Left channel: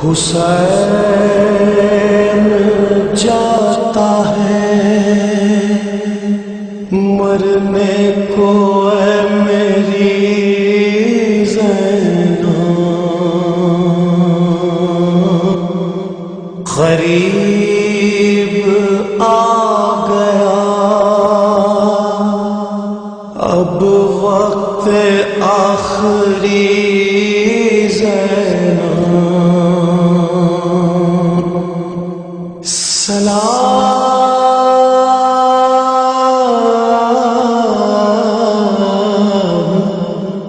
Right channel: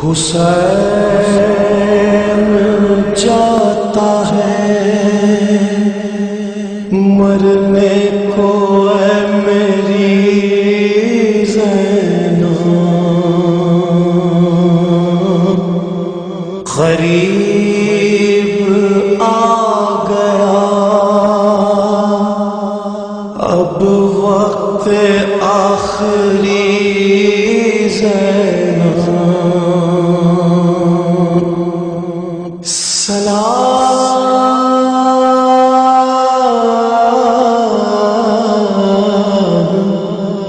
حسین جاتا ہے مرنے کو اے میری زینب، قریب آ گیا اب وقت آخری زینب، سلام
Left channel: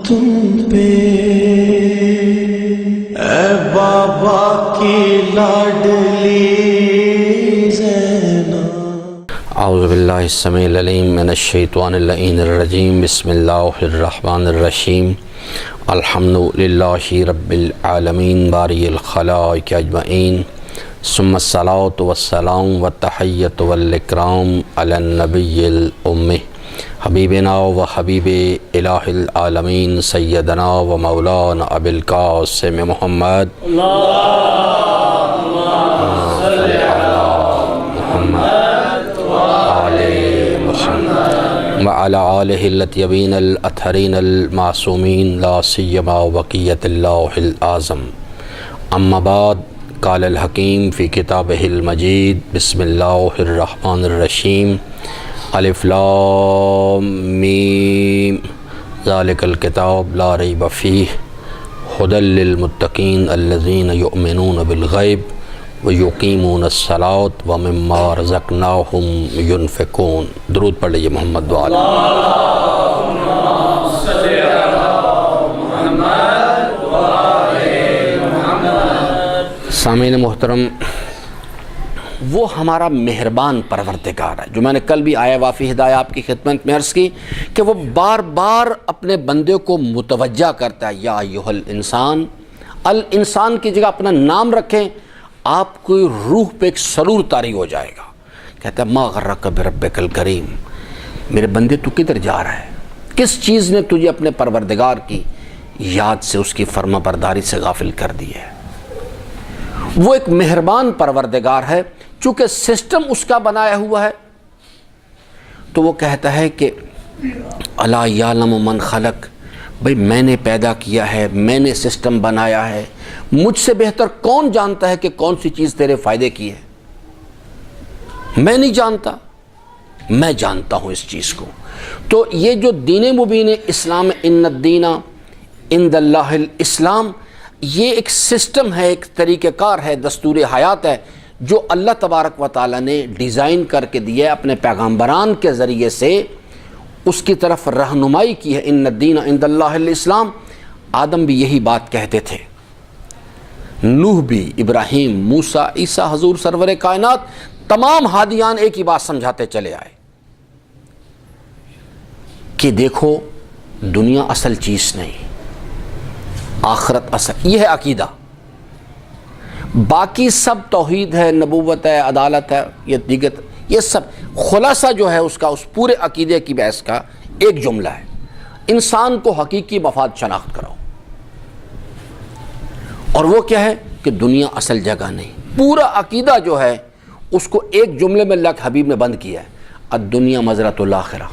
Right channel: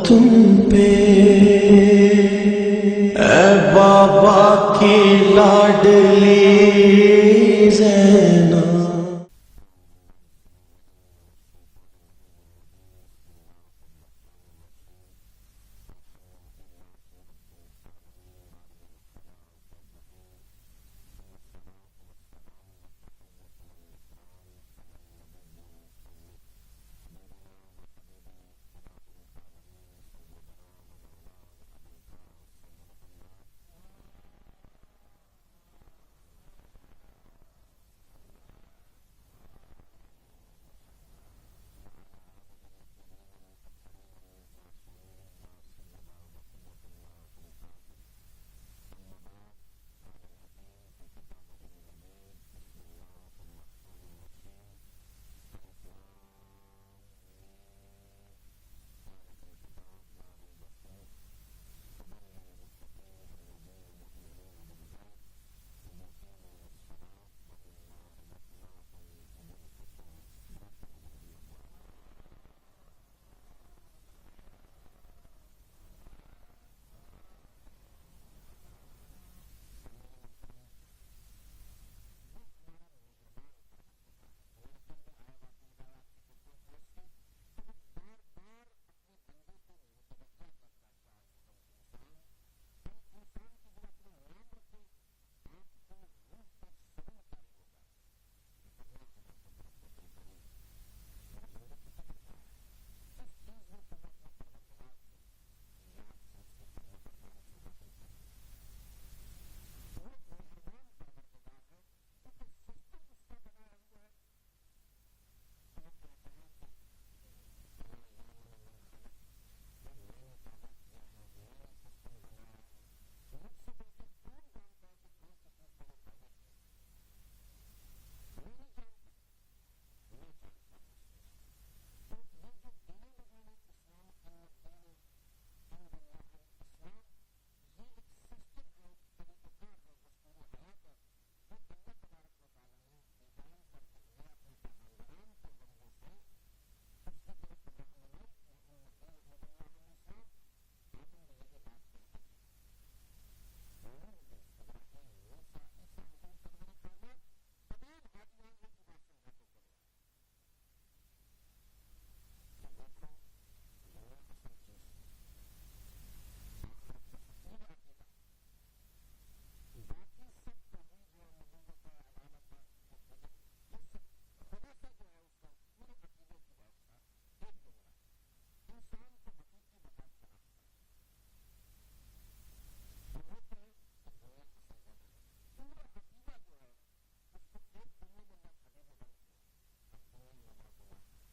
تم پہ اے بابا کی لاڈلی زینب۔ اعوذ باللہ السمیع العلیم من الشیطان اللعین الرجیم، بسم اللہ الرحمن الرحیم، الحمد للہ رب العالمین باری الخلائق اجمعین، ثم الصلاۃ والسلام والتحیۃ والاکرام علی النبی الأمی حبیبنا و حبیب الہ العالمین سیدنا و مولانا ابی القاسم محمد وعلى آلہ الطیبین الاطہرین المعصومین لا سیما بقیۃ اللہ الأعظم، اما بعد، قال الحکیم فی کتابہ المجید، بسم اللہ الرحمن الرحیم، الف لام میم، ذالک الکتاب لا ریب فیہ ھدی للمتقین الذین یؤمنون بالغیب ویقیمون الصلاۃ ومما رزقناہم ینفقون۔ درود پڑھ لیجیے محمد وعلی۔ سامعین محترم، وہ ہمارا مہربان پروردگار ہے جو میں نے کل بھی آیا وافی ہدایہ آپ کی خدمت میں عرض کی کہ وہ بار بار اپنے بندے کو متوجہ کرتا ہے، یا ایھا الانسان، الانسان کی جگہ اپنا نام رکھیں، آپ کی روح پہ ایک سرور طاری ہو جائے گا۔ کہتا ہے ما غرک بربک الکریم، میرے بندے تو کدھر جا رہا ہے؟ کس چیز نے تجھے اپنے پروردگار کی یاد سے، اس کی فرما برداری سے غافل کر دی ہے؟ وہ ایک مہربان پروردگار ہے، چونکہ سسٹم اس کا بنایا ہوا ہے، تو وہ کہتا ہے کہ الا یعلم من خلق، بھئی میں نے پیدا کیا ہے، میں نے سسٹم بنایا ہے، مجھ سے بہتر کون جانتا ہے کہ کون سی چیز تیرے فائدے کی ہے؟ میں نہیں جانتا، میں جانتا ہوں اس چیز کو۔ تو یہ جو دین مبین اسلام، ان الدین عند اللہ الاسلام، یہ ایک سسٹم ہے، ایک طریقہ کار ہے، دستور حیات ہے جو اللہ تبارک و تعالیٰ نے ڈیزائن کر کے دیا ہے، اپنے پیغمبران کے ذریعے سے اس کی طرف رہنمائی کی ہے۔ ان الدین عند اللہ الاسلام، آدم بھی یہی بات کہتے تھے، نوح بھی، ابراہیم، موسیٰ، عیسیٰ، حضور سرور کائنات، تمام ہادیان ایک ہی بات سمجھاتے چلے آئے کہ دیکھو دنیا اصل چیز نہیں، آخرت اصل، یہ ہے عقیدہ، باقی سب توحید ہے، نبوت ہے، عدالت ہے، یہ دیگر، یہ سب خلاصہ جو ہے اس کا، اس پورے عقیدے کی بحث کا ایک جملہ ہے، انسان کو حقیقی مفاد شناخت کراؤ۔ اور وہ کیا ہے کہ دنیا اصل جگہ نہیں۔ پورا عقیدہ جو ہے اس کو ایک جملے میں اللہ کے حبیب نے بند کیا ہے، الدنیا مزرعۃ الآخرہ۔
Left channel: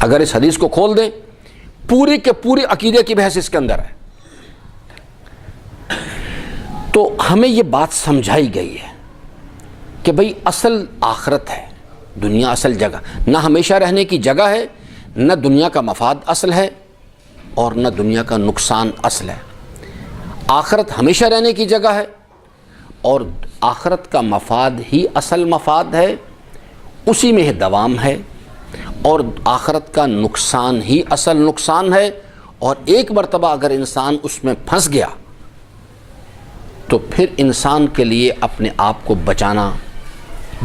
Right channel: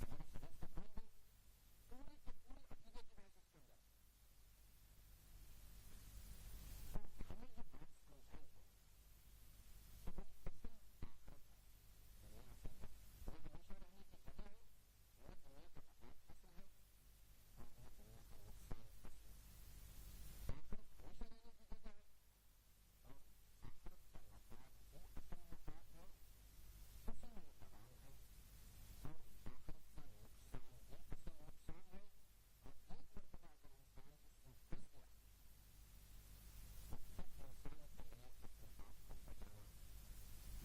اگر اس حدیث کو کھول دیں، پوری کے پوری عقیدے کی بحث اس کے اندر ہے۔ تو ہمیں یہ بات سمجھائی گئی ہے کہ بھئی اصل آخرت ہے، دنیا اصل جگہ، نہ ہمیشہ رہنے کی جگہ ہے، نہ دنیا کا مفاد اصل ہے اور نہ دنیا کا نقصان اصل ہے۔ آخرت ہمیشہ رہنے کی جگہ ہے اور آخرت کا مفاد ہی اصل مفاد ہے، اسی میں دوام ہے، اور آخرت کا نقصان ہی اصل نقصان ہے، اور ایک مرتبہ اگر انسان اس میں پھنس گیا تو پھر انسان کے لیے اپنے آپ کو بچانا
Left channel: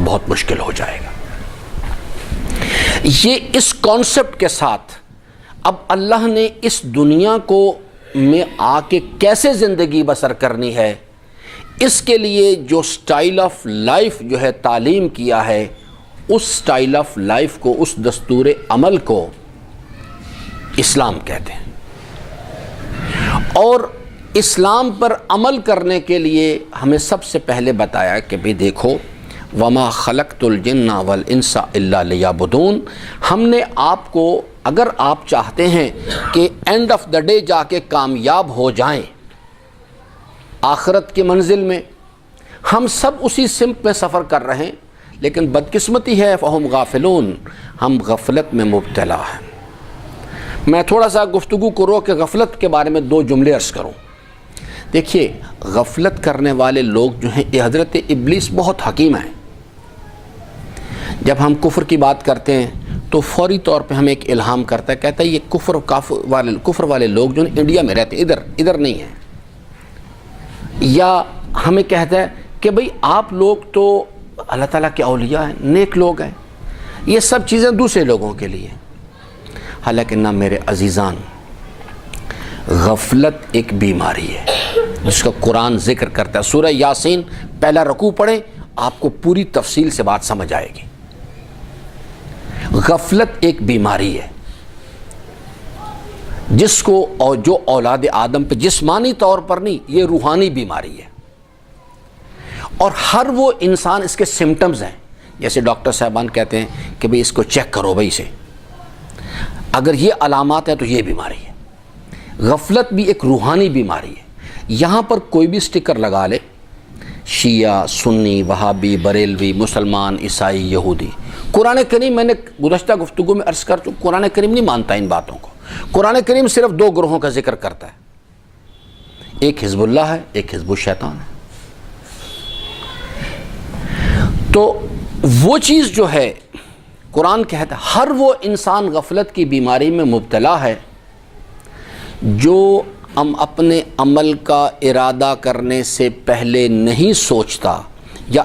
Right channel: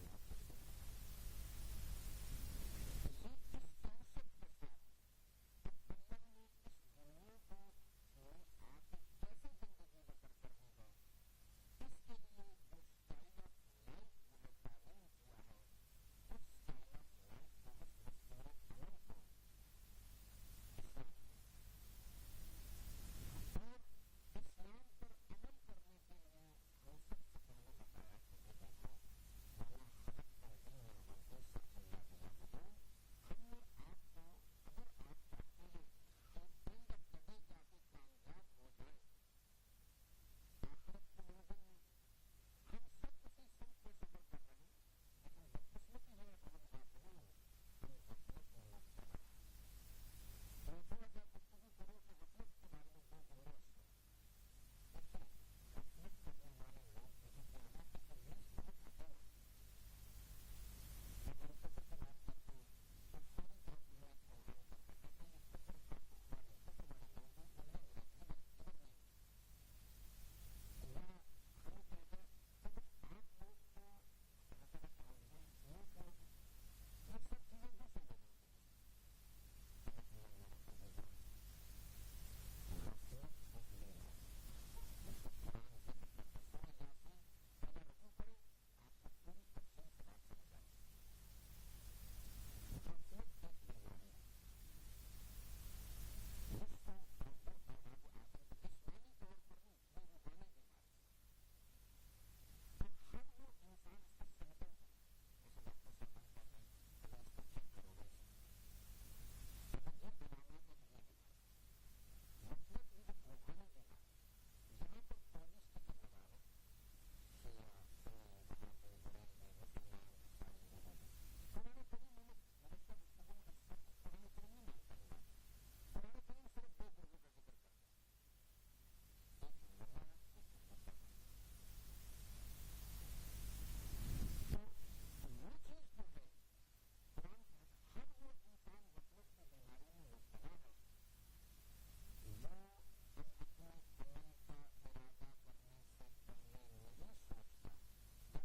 بہت مشکل ہو جائے گا۔ یہ اس کانسیپٹ کے ساتھ اب اللہ نے اس دنیا کو میں آ کے کیسے زندگی بسر کرنی ہے، اس کے لیے جو سٹائل آف لائف جو ہے تعلیم کیا ہے، اس سٹائل آف لائف کو، اس دستور عمل کو اسلام کہتے ہیں۔ اور اسلام پر عمل کرنے کے لیے ہمیں سب سے پہلے بتایا کہ بھی دیکھو وما خلقت الجن والانس الا لیعبدون، ہم نے آپ کو، اگر آپ چاہتے ہیں کہ اینڈ آف دا ڈے جا کے کامیاب ہو جائیں آخرت کی منزل میں، ہم سب اسی سمت میں سفر کر رہے ہیں، لیکن بدقسمتی ہے فہم غافلون، ہم غفلت میں مبتلا ہیں۔ میں تھوڑا سا گفتگو کو روک کے غفلت کے بارے میں 2 جملے عرض کروں۔ دیکھیے غفلت کرنے والے لوگ جو ہیں، یہ حضرت ابلیس بہت حکیم ہیں۔ جب ہم کفر کی بات کرتے ہیں تو فوری طور پہ ہمیں ایک الہام کرتا ہے، کہتا ہے یہ کفر والے لوگ جو انڈیا میں رہتے ہیں، ادھر نہیں ہیں، یا ہمیں کہتا ہے کہ بھئی آپ لوگ تو اللہ تعالیٰ کے اولیاء ہیں، نیک لوگ ہیں، یہ سب چیزیں دوسرے لوگوں کے لیے۔ حالانکہ نہ میرے عزیزان، غفلت ایک بیماری ہے جس کا قرآن ذکر کرتا ہے۔ سورہ یاسین پہلا رکوع پڑھیں، آپ کو پوری تفصیل سے بات سمجھ آئے گی۔ غفلت ایک بیماری ہے جس کو، اور جو اولاد آدم پہ جسمانی طور پر نہیں، یہ روحانی بیماری ہے، اور ہر وہ انسان اس کے سمٹمز ہیں۔ جیسے ڈاکٹر صاحبان کہتے ہیں کہ بھئی اس کو چیک کرو بھئی سے، اگر یہ علامات ہیں تو یہ بیماری ہے۔ غفلت بھی ایک روحانی بیماری ہے۔ یہاں پر کوئی بھی سٹیکر لگا لے، شیعہ، سنی، وہابی، بریلوی، مسلمان، عیسائی، یہودی، قرآن کریم، میں نے گزشتہ گفتگو میں عرض کر چکا، قرآن کریم نہیں مانتا ان باتوں کو۔ قرآن کریم صرف 2 گروہوں کا ذکر کرتا ہے، ایک حزب اللہ ہے، ایک حزب الشیطان ہے۔ تو وہ چیز جو ہے، قرآن کہتا ہے ہر وہ انسان غفلت کی بیماری میں مبتلا ہے جو ہم اپنے عمل کا ارادہ کرنے سے پہلے نہیں سوچتا، یا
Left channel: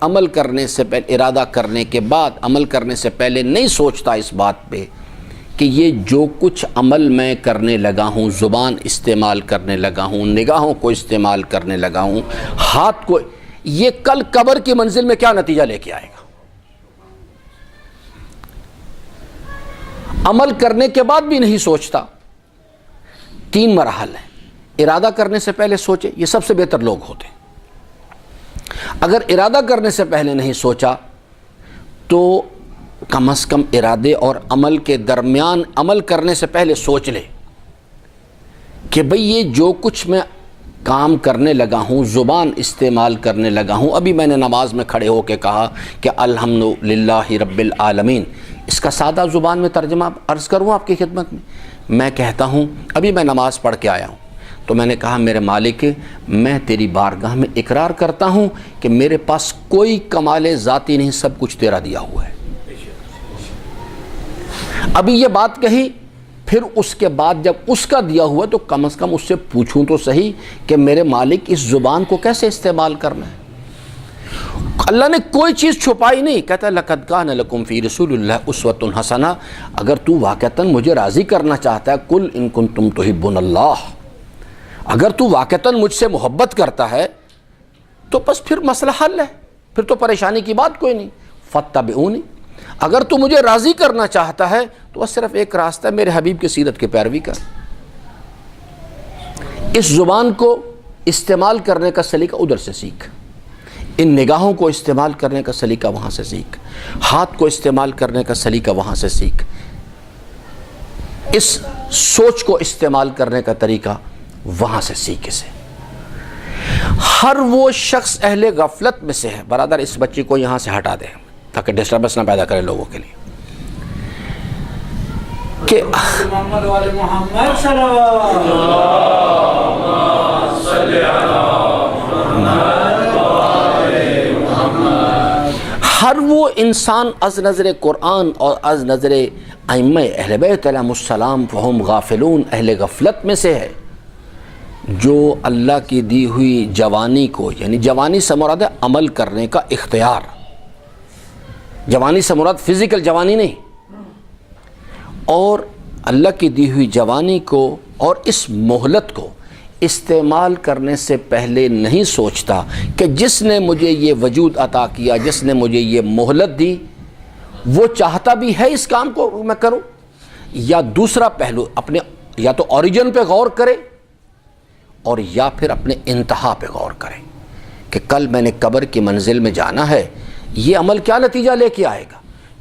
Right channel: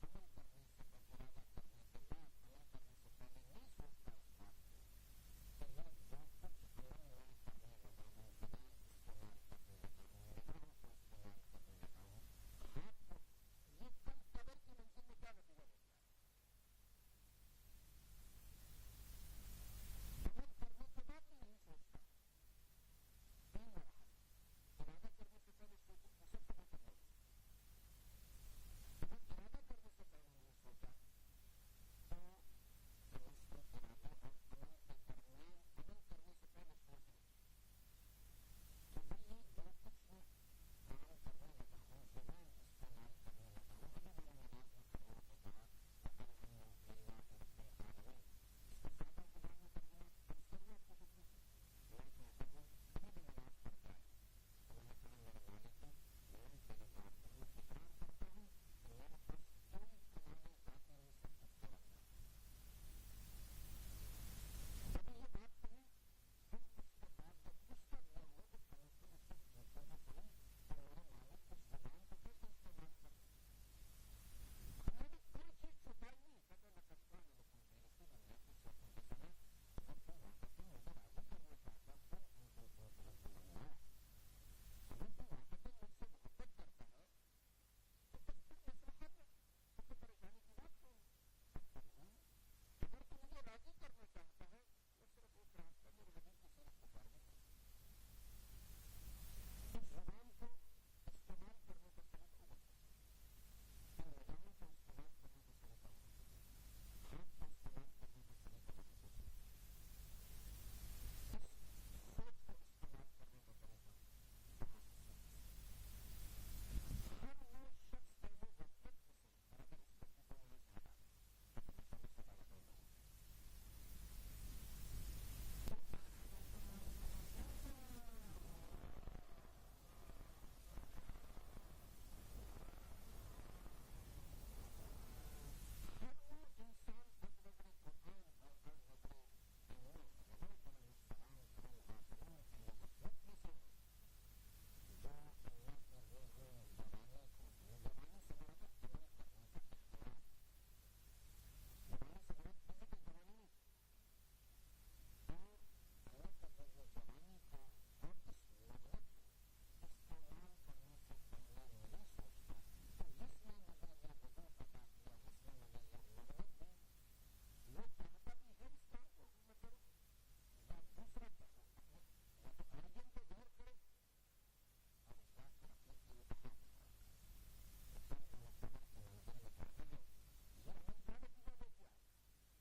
عمل کرنے سے پہلے، ارادہ کرنے کے بعد عمل کرنے سے پہلے نہیں سوچتا اس بات پہ کہ یہ جو کچھ عمل میں کرنے لگا ہوں، زبان استعمال کرنے لگا ہوں، نگاہوں کو استعمال کرنے لگا ہوں، ہاتھ کو، یہ کل قبر کی منزل میں کیا نتیجہ لے کے آئے گا۔ عمل کرنے کے بعد بھی نہیں سوچتا۔ 3 مراحل ہیں۔ ارادہ کرنے سے پہلے سوچے، یہ سب سے بہتر لوگ ہوتے ہیں۔ اگر ارادہ کرنے سے پہلے نہیں سوچا تو کم از کم ارادے اور عمل کے درمیان عمل کرنے سے پہلے سوچ لے کہ بھئی یہ جو کچھ میں کام کرنے لگا ہوں، زبان استعمال کرنے لگا ہوں، ابھی میں نے نماز میں کھڑے ہو کے کہا کہ الحمدللہ رب العالمین، اس کا سادہ زبان میں ترجمہ عرض کروں آپ کی خدمت میں کہتا ہوں، ابھی میں نماز پڑھ کے آیا ہوں تو میں نے کہا میرے مالک، میں تیری بارگاہ میں اقرار کرتا ہوں کہ میرے پاس کوئی کمال ذاتی نہیں، سب کچھ تیرا دیا ہوا ہے۔ ابھی یہ بات کہی، پھر اس کے بعد جب اس کا دیا ہوا تو کم از کم اس سے پوچھوں تو صحیح کہ میرے مالک اس زبان کو کیسے استعمال کرنا ہے۔ اللہ نے کوئی چیز چھپائی نہیں، کہتا ہے لَقَدْ كَانَ لَكُمْ فِي رَسُولِ اللَّهِ أُسْوَةٌ حَسَنَةٌ، اگر تو واقعتاً مجھے راضی کرنا چاہتا ہے، قُلْ إِن كُنتُمْ تُحِبُّونَ اللَّهَ، اگر تو واقعتاً مجھ سے محبت کرتا ہے تو بس پھر مسئلہ حل ہے، پھر تو پریشانی کی بات کوئی نہیں، فَاتَّبِعُونِ، اگر تو مجھے راضی کرنا چاہتا ہے تو بس صرف ایک راستہ ہے، میرے حبیب کی سیرت کی پیروی کر۔ اس زبان کو استعمال کرنے کا سلیقہ ادھر سے سیکھ، ان نگاہوں کو استعمال کرنے کا سلیقہ وہاں سے سیکھ، ہاتھ کو استعمال کرنے کا سلیقہ وہاں سے سیکھ، اس سوچ کو استعمال کرنے کا طریقہ وہاں سے سیکھ اسے۔ ہر وہ شخص اہل غفلت میں سے ہے۔ برادر اس بچی کو یہاں سے ہٹا دے تاکہ ڈسٹربنس نہ پیدا کرے لوگوں کے لیے کہ محمد والے محمد صلی ہر وہ انسان از نظر قرآن اور از نظر ائمہ اہل بیت علیہم السلام فہم غافلون، اہل غفلت میں سے ہے جو اللہ کی دی ہوئی جوانی کو، یعنی جوانی سے مراد ہے عمل کرنے کا اختیار، جوانی سے مراد فزیکل جوانی نہیں، اور اللہ کی دی ہوئی جوانی کو اور اس مہلت کو استعمال کرنے سے پہلے نہیں سوچتا کہ جس نے مجھے یہ وجود عطا کیا، جس نے مجھے یہ مہلت دی، وہ چاہتا بھی ہے اس کام کو میں کروں، یا دوسرا پہلو اپنے یا تو اوریجن پہ غور کرے اور یا پھر اپنے انتہا پہ غور کریں کہ کل میں نے قبر کی منزل میں جانا ہے، یہ عمل کیا نتیجہ لے کے آئے گا۔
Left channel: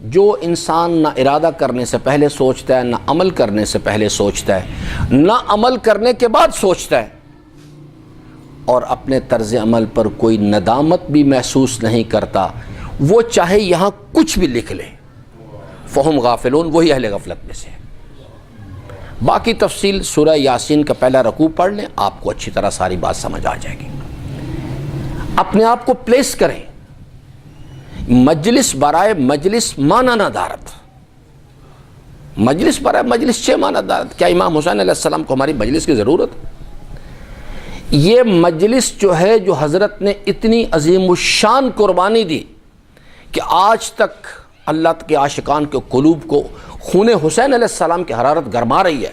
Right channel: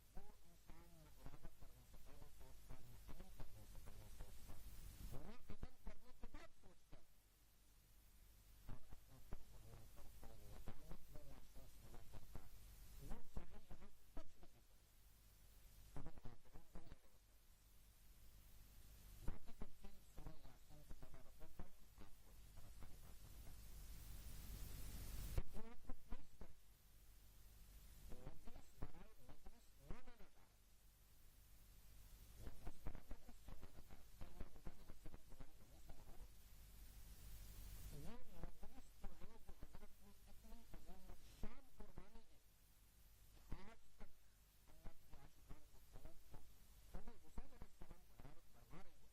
جو انسان نہ ارادہ کرنے سے پہلے سوچتا ہے، نہ عمل کرنے سے پہلے سوچتا ہے، نہ عمل کرنے کے بعد سوچتا ہے، اور اپنے طرز عمل پر کوئی ندامت بھی محسوس نہیں کرتا، وہ چاہے یہاں کچھ بھی لکھ لے، فہم غافلون، وہی اہل غفلت میں سے ہے۔ باقی تفصیل سورہ یاسین کا پہلا رکوع پڑھ لیں، آپ کو اچھی طرح ساری بات سمجھ آ جائے گی۔ اپنے آپ کو پلیس کریں، مجلس برائے مجلس مانا نہ دارت، مجلس برائے مجلس چھ مانا دارت۔ کیا امام حسین علیہ السلام کو ہماری مجلس کی ضرورت؟ یہ مجلس جو ہے، جو حضرت نے اتنی عظیم الشان قربانی دی کہ آج تک اللہ کے عاشقان کے قلوب کو خون حسین علیہ السلام کی حرارت گرما رہی ہے،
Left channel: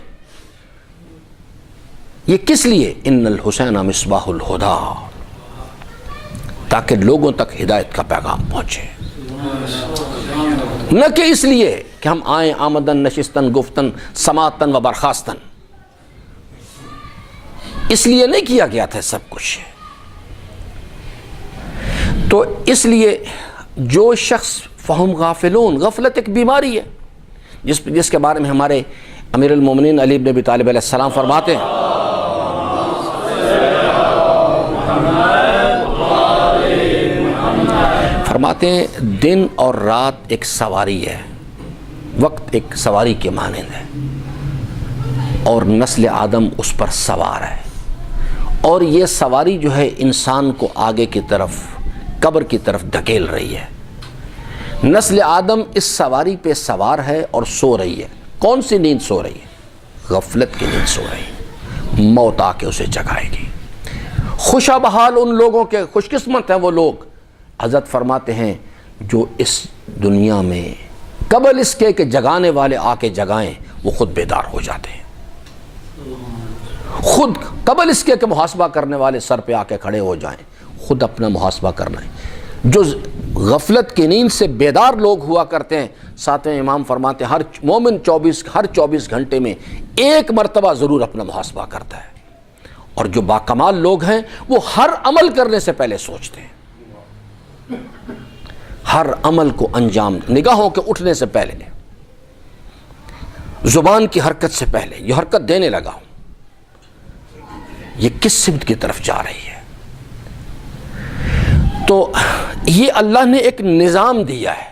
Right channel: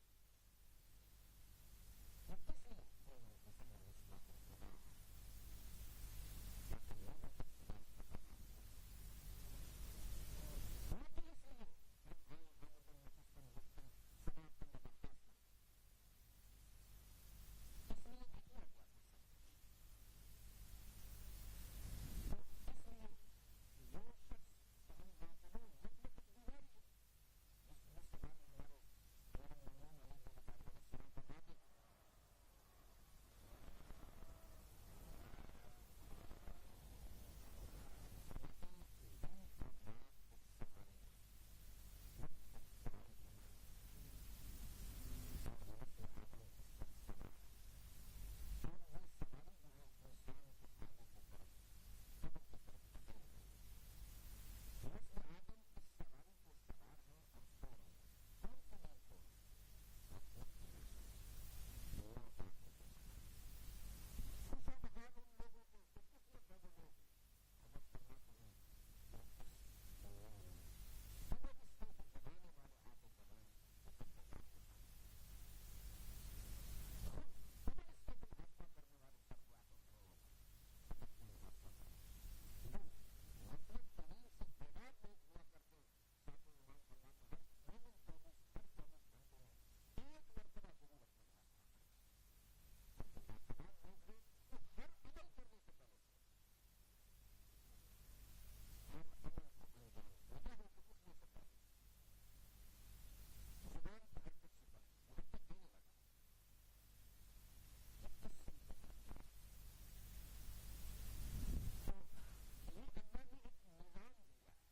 یہ کس لیے؟ ان الحسین مصباح الہدیٰ، تاکہ لوگوں تک ہدایت کا پیغام پہنچے، نہ کہ اس لیے کہ ہم آئیں آمدن نشستن گفتن سماعتن و برخاستن۔ اس لیے نہیں کیا گیا تھا سب کچھ۔ تو اس لیے جو شخص فہم غافلون، غفلت ایک بیماری ہے جس کے بارے میں ہمارے امیر المومنین علی بن ابی طالب علیہ السلام فرماتے ہیں، دن اور رات ایک سواری ہے، وقت ایک سواری کے مانند ہے، اور نسل آدم اس پر سوار ہے، اور یہ سواری جو ہے انسان کو آگے کی طرف، قبر کی طرف دھکیل رہی ہے۔ نسل آدم اس سواری پہ سوار ہے اور سو رہی ہے۔ کون سی نیند سو رہی ہے؟ غفلت کی نیند سو رہی ہے۔ موت آ کے اسے جگائے گی۔ خوشا بحال ان لوگوں کے، خوش قسمت ہیں وہ لوگ، حضرت فرماتے ہیں، جو اس دنیا میں قبل اس کے کہ جگانے والے آ کے جگائیں، وہ خود بیدار ہو جاتے ہیں۔ خود قبل اس کے کہ محاسبہ کرنے والے سر پہ آ کے کھڑے ہو جائیں، خود اپنا محاسبہ کرنا ہے۔ جو غفلت کی نیند سے بیدار لوگ ہوا کرتے ہیں، ساتویں امام فرماتے ہیں ہر مومن ہر 24 گھنٹے میں ایک مرتبہ ضرور اپنا محاسبہ کرتا ہے، اور جو باکمال لوگ ہیں وہ ہر عمل کرنے سے پہلے سوچتے ہیں، ہر عمل کو انجام، نگاہوں کے اٹھنے سے پہلے، زبان کی حرکت سے پہلے، یہ حرکت دینے لگا ہوں، یہ کس سمت کی طرف جا رہی ہے۔ تو یہ اللہ نے ایک نظام دیا ہے،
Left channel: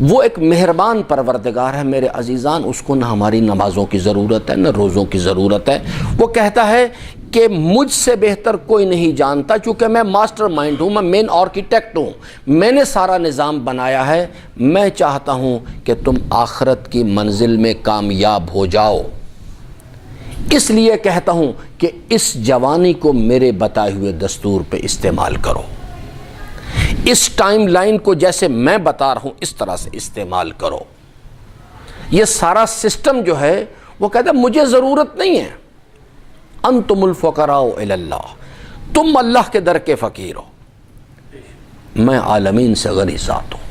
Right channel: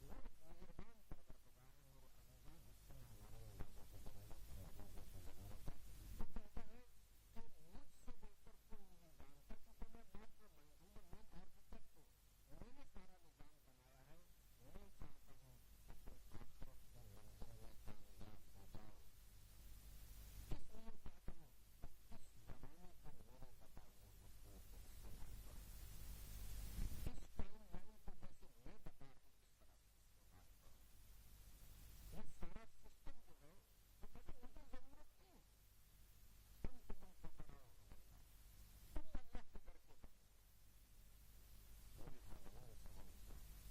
وہ ایک مہربان پروردگار ہے میرے عزیزان، اس کو نہ ہماری نمازوں کی ضرورت ہے، نہ روزوں کی ضرورت ہے۔ وہ کہتا ہے کہ مجھ سے بہتر کوئی نہیں جانتا، چونکہ میں ماسٹر مائنڈ ہوں، میں مین آرکیٹیکٹ ہوں، میں نے سارا نظام بنایا ہے، میں چاہتا ہوں کہ تم آخرت کی منزل میں کامیاب ہو جاؤ، اس لیے کہتا ہوں کہ اس جوانی کو میرے بتائے ہوئے دستور پہ استعمال کرو، اس ٹائم لائن کو جیسے میں بتا رہا ہوں اس طرح سے استعمال کرو۔ یہ سارا سسٹم جو ہے وہ کہتا ہے مجھے ضرورت نہیں ہے، انتم الفقراء الی اللہ، تم اللہ کے در کے فقیر ہو، میں عالمین سے غنی ذات ہوں،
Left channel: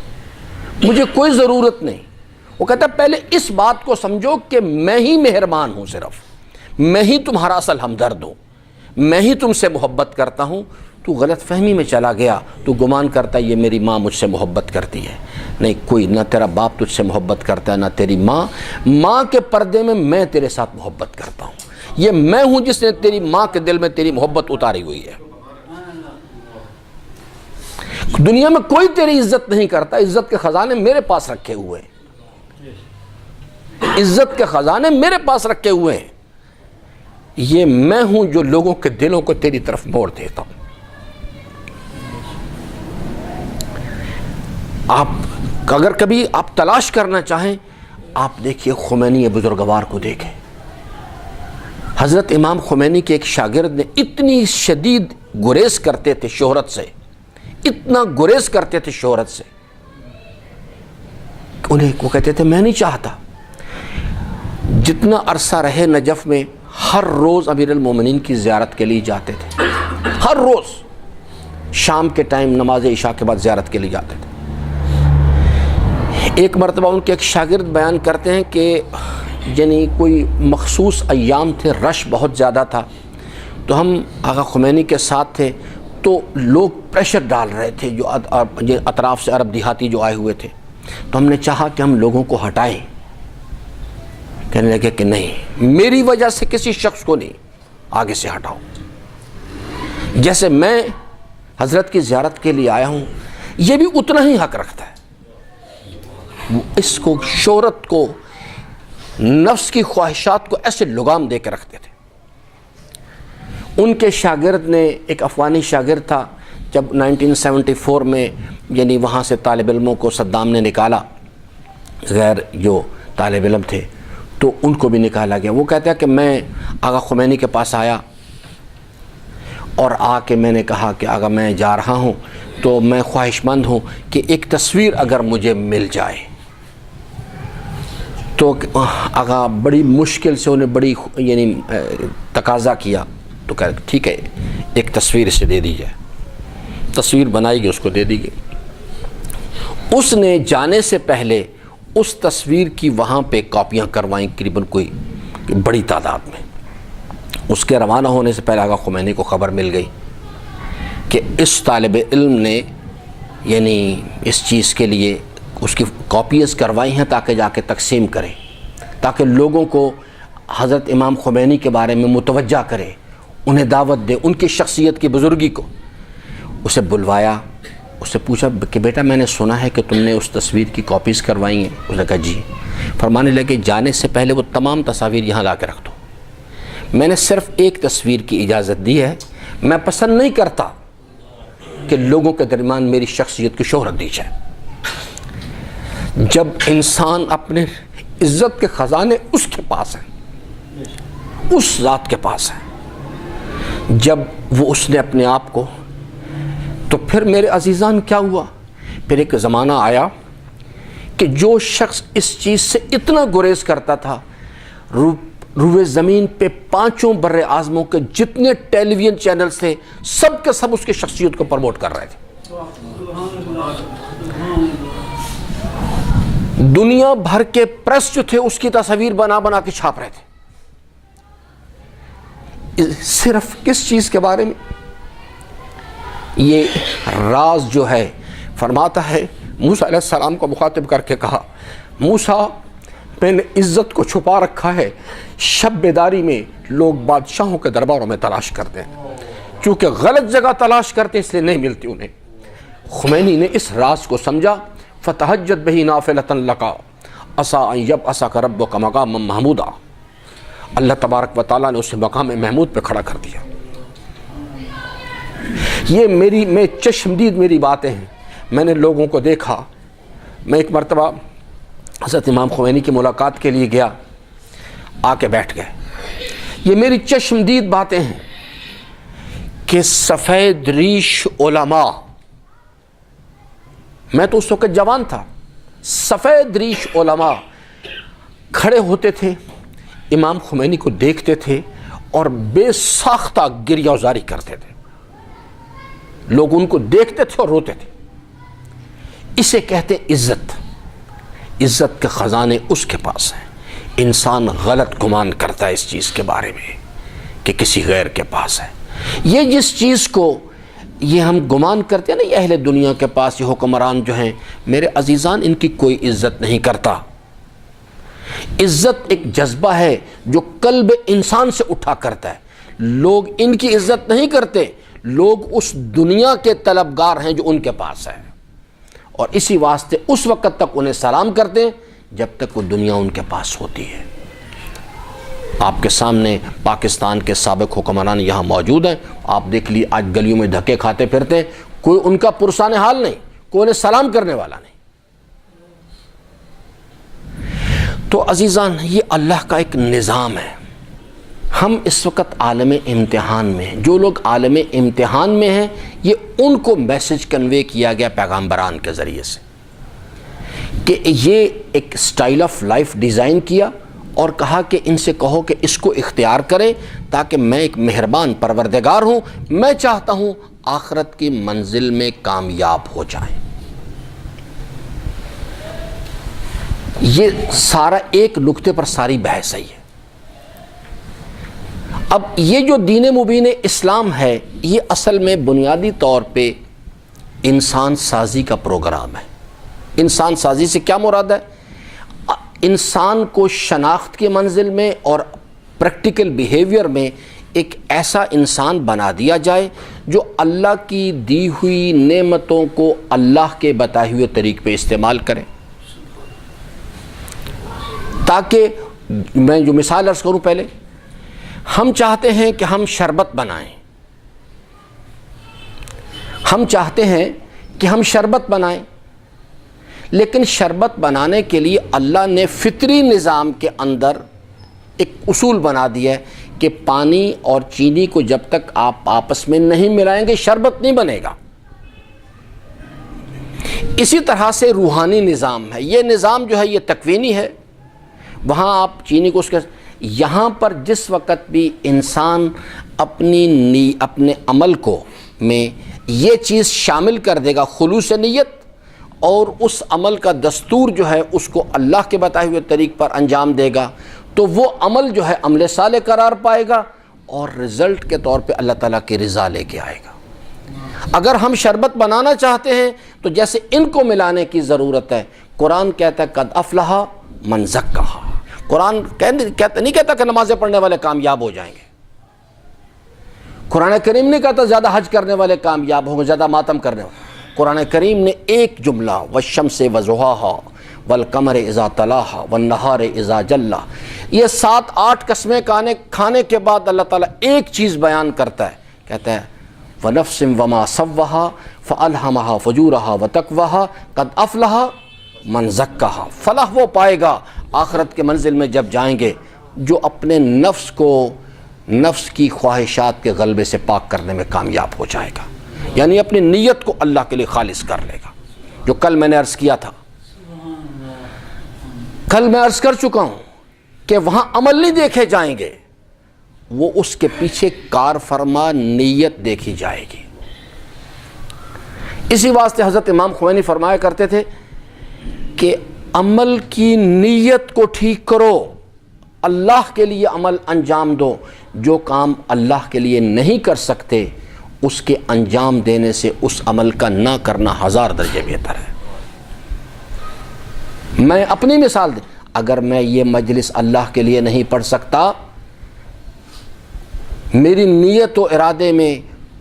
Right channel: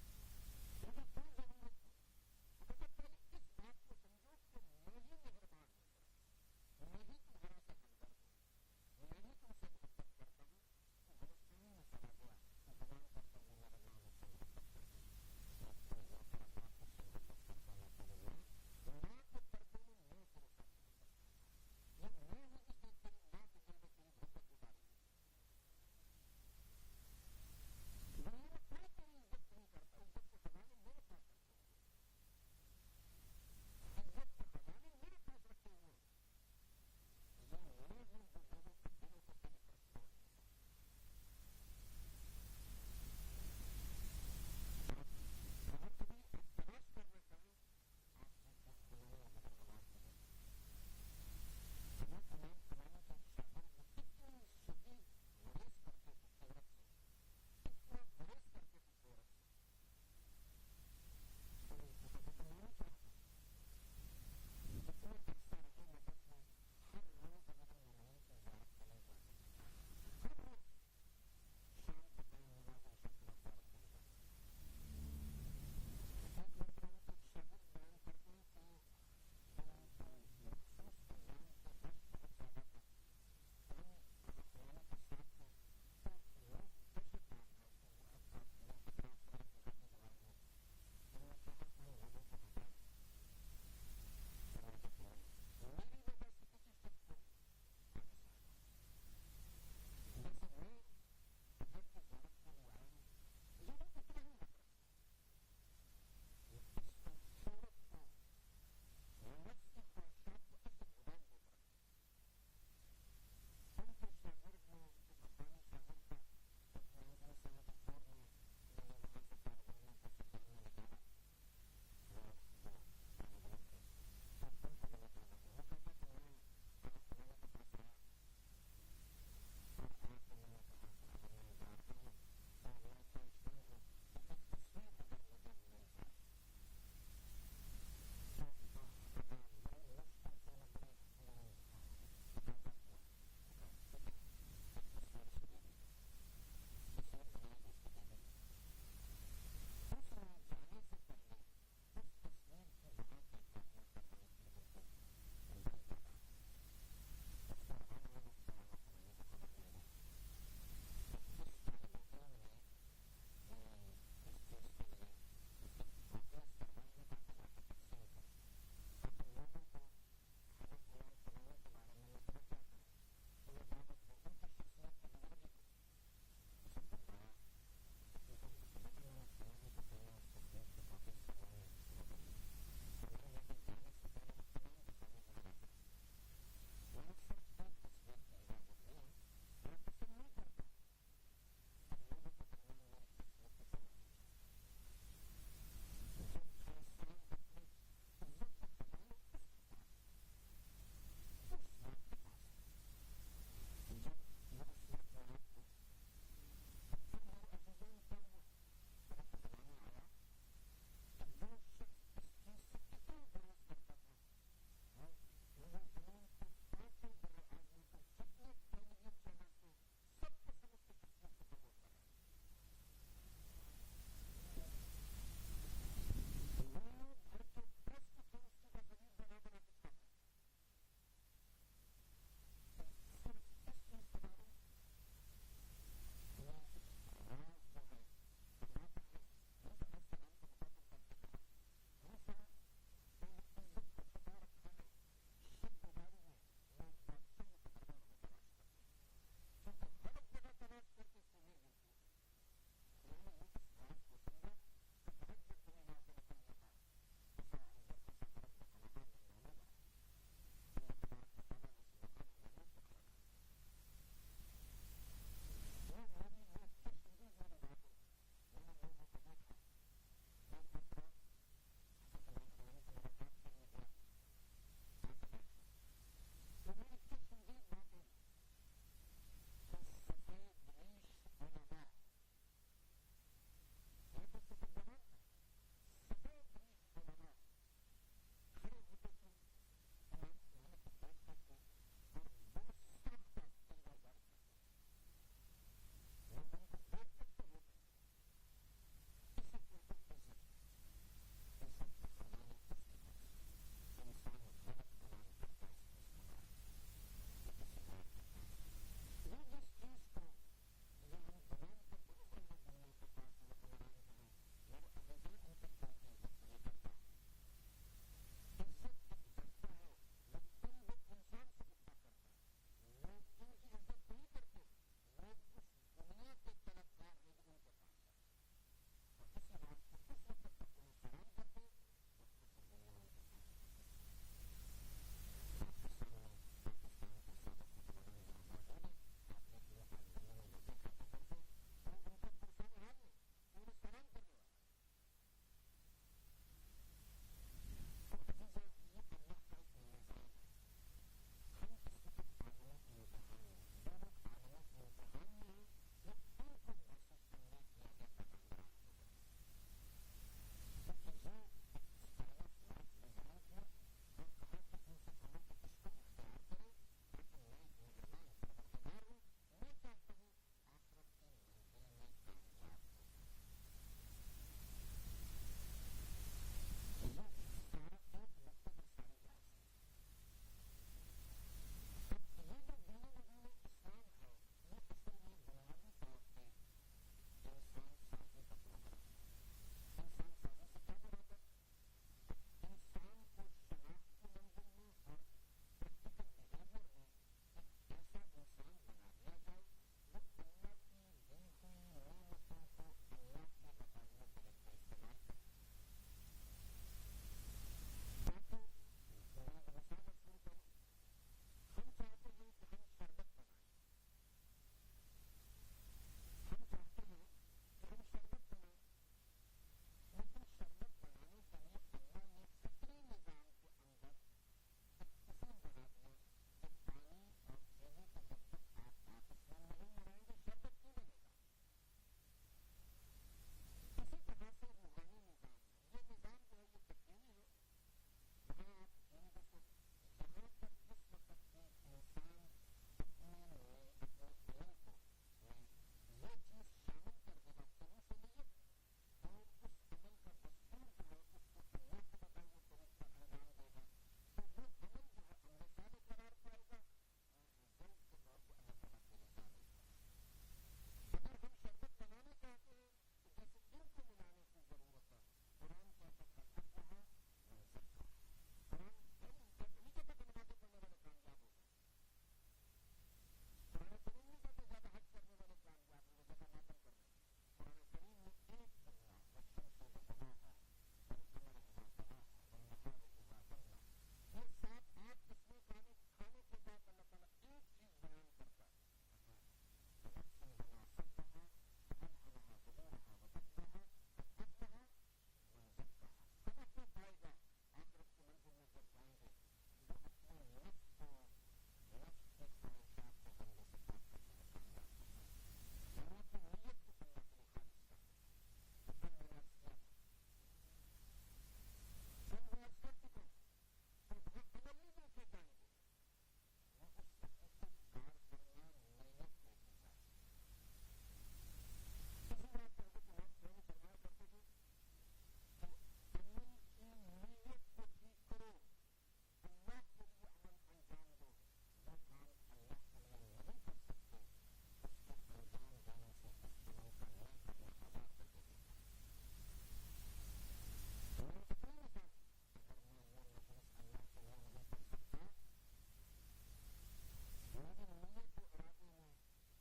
مجھے کوئی ضرورت نہیں۔ وہ کہتا ہے پہلے اس بات کو سمجھو کہ میں ہی مہربان ہوں، صرف میں ہی تمہارا اصل ہمدرد ہوں، میں ہی تم سے محبت کرتا ہوں۔ تو غلط فہمی میں چلا گیا، تو گمان کرتا ہے یہ میری ماں مجھ سے محبت کرتی ہے، نہیں، کوئی نہ تیرا باپ تجھ سے محبت کرتا ہے، نہ تیری ماں کے پردے میں میں تیرے ساتھ محبت کرتا ہوں، یہ میں ہوں جس نے تیری ماں کے دل میں تیری محبت اتاری ہوئی ہے۔ دنیا میں کوئی تیری عزت نہیں کرتا، عزت کے خزانے میرے پاس رکھے ہوئے ہیں، عزت کے خزانے میرے پاس رکھے ہوئے ہیں، یہ میں ہوں جو لوگوں کے دلوں کو تیری طرف موڑ دیتا ہوں۔ آپ اگر کبھی آپ تلاش کرنا چاہیں، آپ دیکھیے خمینی بزرگوار کو دیکھیں۔ حضرت امام خمینی کے ایک شاگرد نے اتنی شدید گریز کرتے تھے شہرت سے، اتنا گریز کرتے تھے شہرت سے، انہیں وہ کہتے تھے میں نہیں چاہتا۔ جتنا عرصہ رہے نجف میں، ہر روز امیر المومنین کی زیارت کے لیے جاتے تھے، ہر روز شام کے ٹائم نماز عشاء کے بعد زیارت کے لیے جاتے تھے۔ ایک مرتبہ ان کے ایک شاگرد بیان کرتے ہیں کہ یعنی کوئی مخصوص ایام تھے، رش بہت زیادہ تھا، تو ہم آقا خمینی کے ساتھ تھے، تو لوگ پریشر ڈال رہے تھے جو اطراف سے عرب دیہاتی جو آئے ہوئے تھے، تو ہم نے چاہا کہ ہم لوگوں کو ہٹائیں. کہنے لگے کہ نہیں، میری وجہ سے کسی شخص کو نہیں، آگے سے ہٹاؤ. جیسے میں حضرت کی زیارت کے لیے آیا ہوں، یہ بھی اتنا ہی حق رکھتا ہے. اس کو، شہرت کو، نفس کی خواہشات کو ایسے لگام دے کے رکھتے تھے. ان کے شاگرد نے، ایک افغانی شاگرد تھا، جب 1974 میں یعنی وہاں سے طالب علموں کو صدام نے نکالا، غیر جو طالب علم تھے، تو ان کو بھی نکالا گیا. وہ کہتا ہے کہ میں آقا خمینی کے پاس آیا اور آ کے میں نے کہا کہ آقا میں جا رہا ہوں تو میں خواہش مند ہوں کہ ایک تصویر اگر مجھے مل جائے. تو آقا بڑی مشکل سے انہیں بڑی یعنی تقاضا کیا، تو کہا ٹھیک ہے ایک تصویر اسے دے دی جائے. تصویر بنائی گئی، اس کو دے دی گئی. اس نے جانے سے پہلے اس تصویر کی وہاں پہ کاپیاں کروائیں قریباً کوئی بڑی تعداد میں. اس کے روانہ ہونے سے پہلے آقا خمینی کو خبر مل گئی کہ اس طالب علم نے یعنی اس چیز کے لیے اس کی کاپیز کروائی ہیں تاکہ جا کے تقسیم کرے، تاکہ لوگوں کو حضرت امام خمینی کے بارے میں متوجہ کرے، انہیں دعوت دے، ان کی شخصیت کی بزرگی کو. اسے بلوایا، اس سے پوچھا کہ بیٹا میں نے سنا ہے کہ تم نے اس تصویر کی کاپیز کروائی ہیں. اس نے کہا جی. فرمانے لگے جانے سے پہلے وہ تمام تصاویر یہاں لا کے رکھ دو. میں نے صرف ایک تصویر کی اجازت دی ہے، میں پسند نہیں کرتا کہ لوگوں کے درمیان میری شخصیت کی شہرت دی جائے. جب انسان اپنے عزت کے خزانے اس کے پاس ہیں، اس ذات کے پاس ہیں، جب وہ اس نے اپنے آپ کو، تو پھر میرے عزیزان کیا ہوا؟ پھر ایک زمانہ آیا کہ جو شخص اس چیز سے اتنا گریز کرتا تھا، روئے زمین پہ 5 بر اعظموں کے جتنے ٹیلی ویژن چینلز تھے سب کے سب اس کی شخصیت کو پروموٹ کر رہے تھے. دنیا بھر کے پریس جو تھے اس کی تصاویر بنا بنا کے چھاپ رہے تھے. صرف کس چیز کے بارے میں؟ یہ راز جو ہے، فرماتا ہے موسیٰ علیہ السلام کو مخاطب کر کے کہا، موسیٰ میں نے عزت کو چھپا رکھا ہے، شب بیداری میں لوگ بادشاہوں کے درباروں میں تلاش کرتے ہیں، چونکہ غلط جگہ تلاش کرتے ہیں اس لیے نہیں ملتی انہیں. خمینی نے اس راز کو سمجھا، فَتَحَجَّتْ بِهِ نَافِلَةً لَكَ عَسَىٰ أَن يَبْعَثَكَ رَبُّكَ مَقَامًا مَحْمُودًا. اللہ تبارک و تعالیٰ نے اسے مقام محمود پہ کھڑا کر دیا. یہ میں چشمدید میری باتیں ہیں. میں نے لوگوں کو دیکھا. میں ایک مرتبہ حضرت امام خمینی کی ملاقات کے لیے گیا، آ کے بیٹھ گئے. یہ میری چشمدید باتیں ہیں کہ سفید ریش علماء، میں تو اس وقت جوان تھا، سفید ریش علماء کھڑے ہوتے تھے، امام خمینی کو دیکھتے تھے اور بے ساختہ گریہ زاری کرتے تھے. لوگ ان کو دیکھتے تھے اور روتے تھے. اسے کہتے عزت. عزت کے خزانے اس کے پاس ہیں. انسان غلط گمان کرتا ہے اس چیز کے بارے میں کہ کسی غیر کے پاس ہے. یہ جس چیز کو یہ ہم گمان کرتے ہیں نا، یہ اہل دنیا کے پاس یہ حکمران جو ہیں، میرے عزیزان ان کی کوئی عزت نہیں کرتا. عزت ایک جذبہ ہے جو قلب انسان سے اٹھا کرتا ہے. لوگ ان کی عزت نہیں کرتے، لوگ اس دنیا کے طلبگار ہیں جو ان کے پاس ہے، اور اسی واسطے اس وقت تک انہیں سلام کرتے ہیں جب تک وہ دنیا ان کے پاس ہوتی ہے. آپ کے سامنے پاکستان کے سابق حکمران یہاں موجود ہیں. آپ دیکھ لیے آج گلیوں میں دھکے کھاتے پھرتے ہیں، کوئی ان کا پرسان حال نہیں، کوئی انہیں سلام کرنے والا نہیں. تو عزیزان یہ اللہ کا ایک نظام ہے. ہم اس وقت عالم امتحان میں ہیں. جو لوگ عالم امتحان میں ہیں یہ ان کو میسج کنوے کیا گیا پیغمبران کے ذریعے سے کہ یہ ایک سٹائل آف لائف ڈیزائن کیا اور کہا کہ ان سے کہو کہ اس کو اختیار کریں تاکہ میں ایک مہربان پروردگار ہوں، میں چاہتا ہوں آخرت کی منزل میں کامیاب ہو جائیں. یہ سارا ایک نقطے پر ساری بحث ہے. اب یہ جو دین مبین اسلام ہے یہ اصل میں بنیادی طور پہ انسان سازی کا پروگرام ہے۔ انسان سازی سے کیا مراد ہے؟ انسان کو شناخت کی منزل میں اور پریکٹیکل بیہیویئر میں ایک ایسا انسان بنا دیا جائے جو اللہ کی دی ہوئی نعمتوں کو اللہ کے بتائے ہوئے طریق پہ استعمال کرے۔ تاکہ میں جو مثال عرض کروں، پہلے ہم چاہتے ہیں کہ ہم شربت بنائیں، ہم چاہتے ہیں کہ ہم شربت بنائیں، لیکن شربت بنانے کے لیے اللہ نے فطری نظام کے اندر ایک اصول بنا دیا ہے کہ پانی اور چینی کو جب تک آپ آپس میں نہیں ملائیں گے شربت نہیں بنے گا۔ اسی طرح سے روحانی نظام ہے، یہ نظام جو ہے یہ تکوینی ہے، وہاں آپ چینی کو اس کے یہاں پر جس وقت بھی انسان اپنے عمل کو میں یہ چیز شامل کر دے گا، خلوص نیت، اور اس عمل کا دستور جو ہے اس کو اللہ کے بتائے ہوئے طریق پر انجام دے گا، تو وہ عمل جو ہے عمل صالح قرار پائے گا اور رزلٹ کے طور پہ اللہ تعالیٰ کی رضا لے کے آئے گا۔ اگر ہم شربت بنانا چاہتے ہیں تو جیسے ان کو ملانے کی ضرورت ہے، قرآن کہتا ہے قد افلح من زکاہا، قرآن نہیں کہتا کہ نمازیں پڑھنے والے کامیاب ہو جائیں گے، قرآن کریم نہیں کہتا زیادہ حج کرنے والے کامیاب ہوں گے، زیادہ ماتم کرنے والے۔ قرآن کریم نے ایک جملہ والشمس وضحاہا والقمر اذا تلاہا والنہار اذا جلا، یہ 7-8 قسمیں کھانے کے بعد اللہ تعالیٰ ایک چیز بیان کرتا ہے، کہتا ہے وَنَفْسٍ وَمَا سَوَّهَا فَأَلْهَمَهَا فُجُورَهَا وَتَقْوَاهَا قَدْ أَفْلَحَ مَنْ زَكَّاهَا۔ فلاح وہ پائے گا آخرت کے منزل میں جب جائیں گے جو اپنے نفس کو نفس کی خواہشات کے غلبے سے پاک کرنے میں کامیاب ہو جائے گا، یعنی اپنی نیت کو اللہ کے لیے خالص کر لے گا۔ جو کل میں نے عرض کیا تھا، کل میں عرض کر چکا ہوں کہ وہاں عمل نہیں دیکھے جائیں گے، وہ اس کے پیچھے کار فرما نیت دیکھی جائے گی۔ اسی واسطے حضرت امام خمینی فرمایا کرتے تھے کہ عمل کی نیت کو ٹھیک کرو، اللہ کے لیے عمل انجام دو، جو کام اللہ کے لیے نہیں کر سکتے اس کے انجام دینے سے اس عمل کا نہ کرنا 1000 درجے بہتر ہے۔ میں اپنی مثال دیں، اگر میں یہ مجلس اللہ کے لیے نہیں پڑھ سکتا، میری نیت و ارادے میں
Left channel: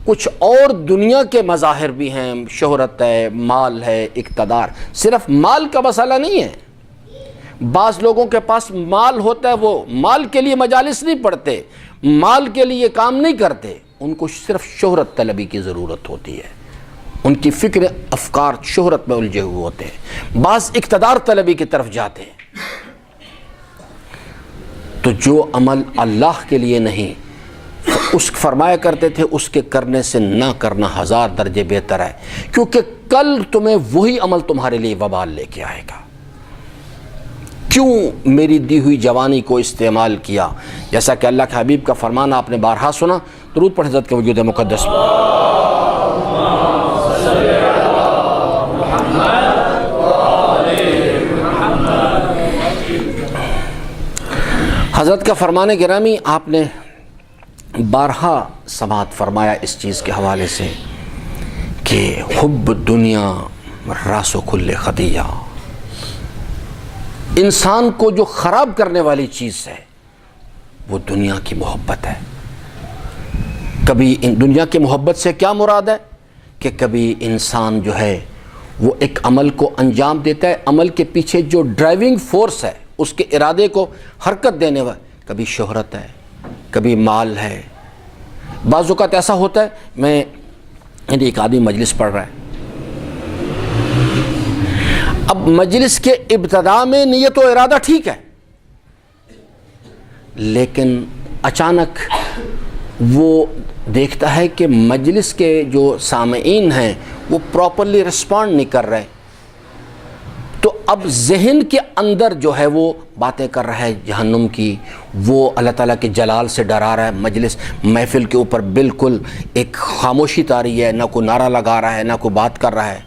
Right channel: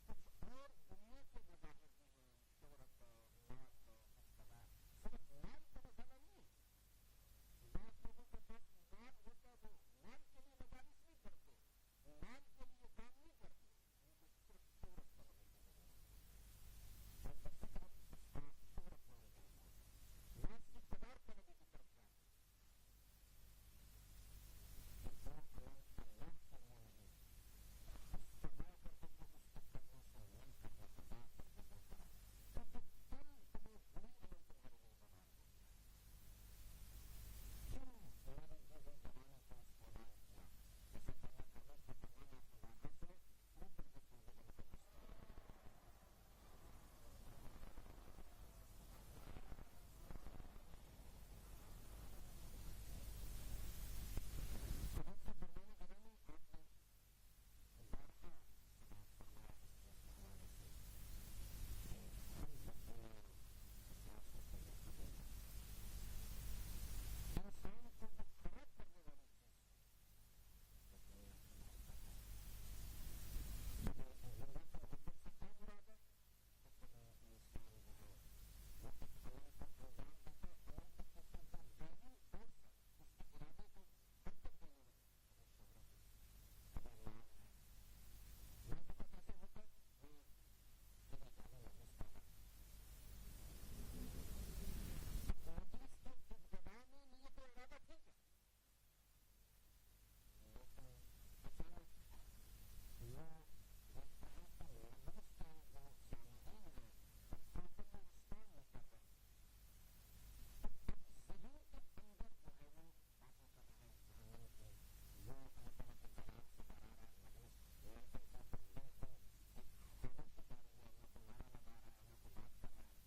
کچھ اور دنیا کے مظاہر بھی ہیں، شہرت ہے، مال ہے، اقتدار، صرف مال کا مسئلہ نہیں ہے۔ بعض لوگوں کے پاس مال ہوتا ہے، وہ مال کے لیے مجالس نہیں پڑھتے، مال کے لیے کام نہیں کرتے، ان کو صرف شہرت طلبی کی ضرورت ہوتی ہے، ان کی فکر افکار شہرت میں الجھے ہوئے ہوتے ہیں، بعض اقتدار طلبی کی طرف جاتے ہیں۔ تو جو عمل اللہ کے لیے نہیں، اس فرمایا کرتے تھے اس کے کرنے سے نہ کرنا 1000 درجے بہتر ہے، کیونکہ کل تمہیں وہی عمل تمہارے لیے وبال لے کے آئے گا۔ کیوں میری دی ہوئی جوانی کو استعمال کیا؟ جیسا کہ اللہ کے حبیب کا فرمان آپ نے بارہا سنا، درود پڑھ حضرت کے وجود مقدس میں۔ حضرت کا فرمان گرامی آپ نے بارہا سماعت فرمایا اس چیز کے حوالے سے کہ حب دنیا راس و کل خطیہ، انسان کو جو خراب کرنے والی چیز ہے وہ دنیا کی محبت ہے۔ کبھی دنیا کی محبت سے کیا مراد ہے کہ کبھی انسان جو ہے وہ ایک عمل کو انجام دیتا ہے، عمل کے پیچھے جو ڈرائیونگ فورس ہے اس کے ارادے کو حرکت دینے والا، کبھی شہرت ہے، کبھی مال ہے۔ بعض اوقات ایسا ہوتا ہے، میں ایک آدمی مجلس پڑھ رہا ہے، اب مجلس کے ابتدا میں نیت و ارادہ ٹھیک ہے، لیکن اچانک وہ دیکھتا ہے کہ مجلس کے جو سامعین ہیں وہ پراپرلی رسپونڈ نہیں کر رہے، تو اب ذہن کے اندر جو ہے وہ باتیں کر رہا ہے جہنم کی، وہ اللہ تعالیٰ کے جلال سے ڈرا رہا ہے، مجلس محفل کے اوپر بالکل ایک خاموشی طاری ہے، نہ کوئی نعرہ لگا رہا ہے نہ کوئی بات کر رہا ہے،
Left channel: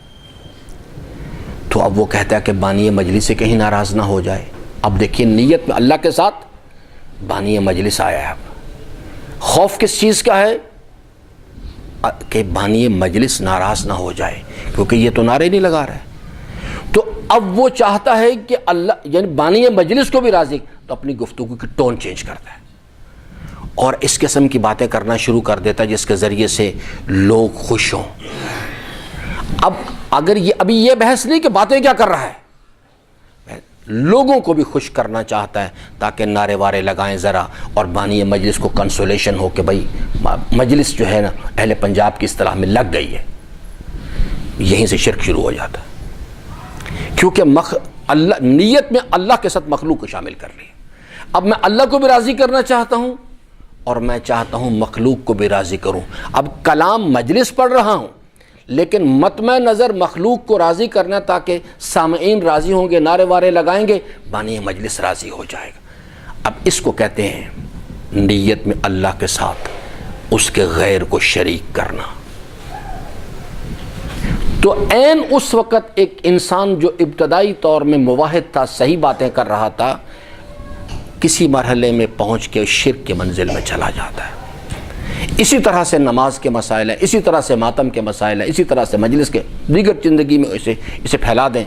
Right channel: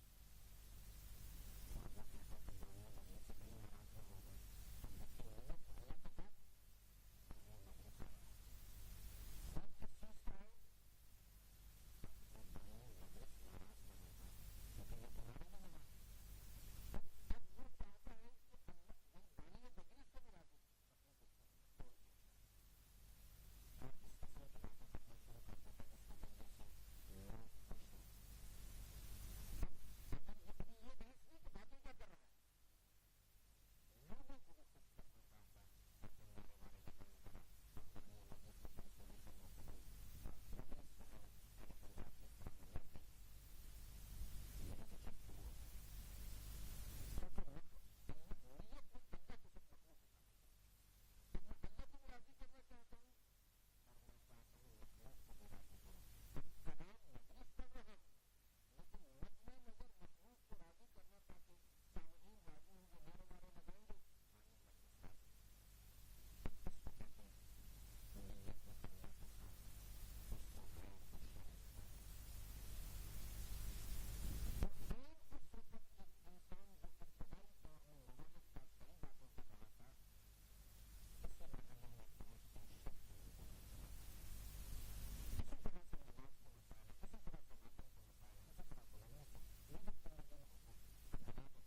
تو اب وہ کہتا ہے کہ بانی مجلس سے کہیں ناراض نہ ہو جائے۔ اب دیکھیے نیت میں اللہ کے ساتھ بانی مجلس آیا ہے، خوف کس چیز کا ہے؟ کہ بانی مجلس ناراض نہ ہو جائے، کیونکہ یہ تو نعرے نہیں لگا رہا ہے۔ تو اب وہ چاہتا ہے کہ اللہ یعنی بانی مجلس کو بھی راضی، تو اپنی گفتگو کی ٹون چینج کرتا ہے اور اس قسم کی باتیں کرنا شروع کر دیتا ہے جس کے ذریعے سے لوگ خوش ہوں۔ اب اگر یہ ابھی یہ بحث نہیں کہ باتیں کیا کر رہا ہے، لوگوں کو بھی خوش کرنا چاہتا ہے تاکہ نعرے وارے لگائیں ذرا، اور بانی مجلس کو کنسولیشن ہو کہ بھائی مجلس جو ہے نا اہل پنجاب کی اصطلاح میں لگ گئی ہے۔ یہیں سے شرک شروع ہو جاتا ہے، کیونکہ اللہ نیت میں اللہ کے ساتھ مخلوق کو شامل کر لی۔ اب میں اللہ کو بھی راضی کرنا چاہتا ہوں اور میں چاہتا ہوں مخلوق کو بھی راضی کروں۔ اب کلام مجلس پڑھ رہا ہوں لیکن مطمع نظر مخلوق کو راضی کرنا تاکہ سامعین راضی ہوں گے، نعرے وارے لگائیں گے، بانی مجلس راضی ہو جائے گا۔ اب اس کو کہتے ہیں نیت میں اللہ کے ساتھ اس کے غیر کو شریک کرنا۔ تو عین اس وقت ایک انسان جو ابتدائی طور میں موحد تھا، صحیح باتیں کر رہا تھا، کسی مرحلے میں پہنچ کے شرک کے منزل میں چلا جاتا ہے۔ اسی طرح سے نماز کے مسائل ہیں، اسی طرح سے ماتم کے مسائل ہیں، اسی طرح سے مجلس کے دیگر زندگی میں اسے پھیلا دیں۔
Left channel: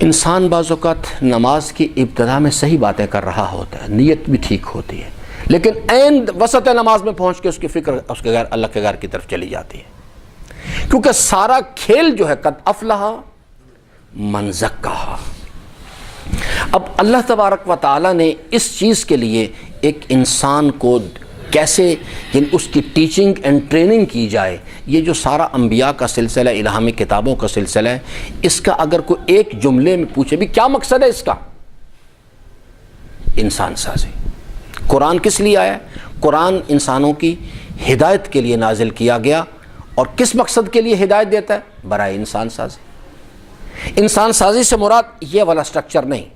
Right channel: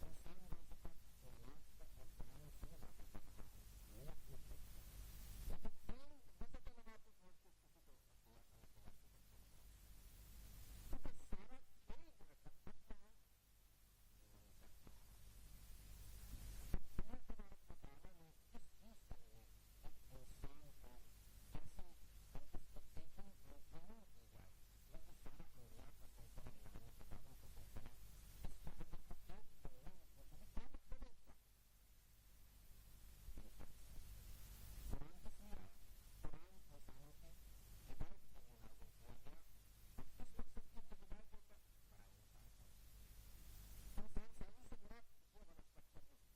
انسان بعض اوقات نماز کی ابتدا میں صحیح باتیں کر رہا ہوتا ہے، نیت بھی ٹھیک ہوتی ہے، لیکن عین وسط نماز میں پہنچ کے اس کی فکر اس کے غیر اللہ کے غیر کی طرف چلی جاتی ہے، کیونکہ سارا کھیل جو ہے قد افلح من زکاہا۔ اب اللہ تبارک و تعالیٰ نے اس چیز کے لیے ایک انسان کو کیسے یعنی اس کی ٹیچنگ اینڈ ٹریننگ کی جائے، یہ جو سارا انبیاء کا سلسلہ، الہامی کتابوں کا سلسلہ ہے، اس کا اگر کوئی ایک جملے میں پوچھے بھی کیا مقصد ہے اس کا، انسان سازی۔ قرآن کس لیے آیا؟ قرآن انسانوں کی ہدایت کے لیے نازل کیا گیا، اور کس مقصد کے لیے ہدایت دیتا ہے؟ برائے انسان سازی۔ انسان سازی سے مراد یہ والا سٹرکچر نہیں،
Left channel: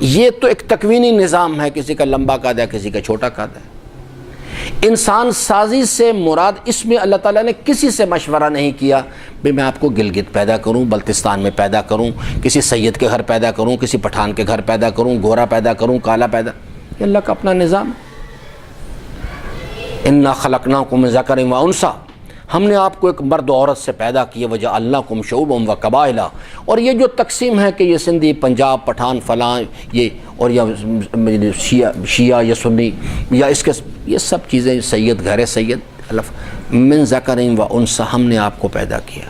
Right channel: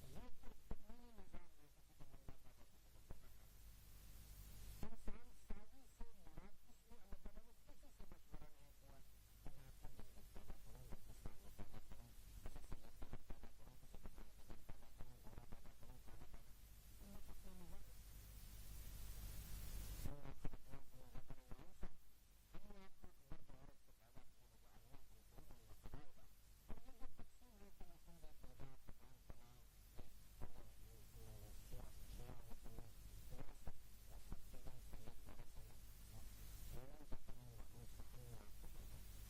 یہ تو ایک تکوینی نظام ہے، کسی کا لمبا قد ہے، کسی کا چھوٹا قد ہے۔ انسان سازی سے مراد اس میں اللہ تعالیٰ نے کسی سے مشورہ نہیں کیا کہ میں آپ کو گلگت پیدا کروں، بلتستان میں پیدا کروں، کسی سید کے گھر پیدا کروں، کسی پٹھان کے گھر پیدا کروں، گورا پیدا کروں، کالا پیدا، یہ اللہ کا اپنا نظام۔ انا خلقناکم من ذکر و انثی، ہم نے آپ کو ایک مرد و عورت سے پیدا کیے، وجعلناکم شعوبا و قبائل۔ اور یہ جو تقسیم ہے کہ یہ سندھی، پنجاب، پٹھان، فلاں، یہ اور یا شیعہ یا سنی یا اس کے یہ سب چیزیں، سید گھر سید، من ذکر و انثی، ہم نے آپ کو پیدا کیا،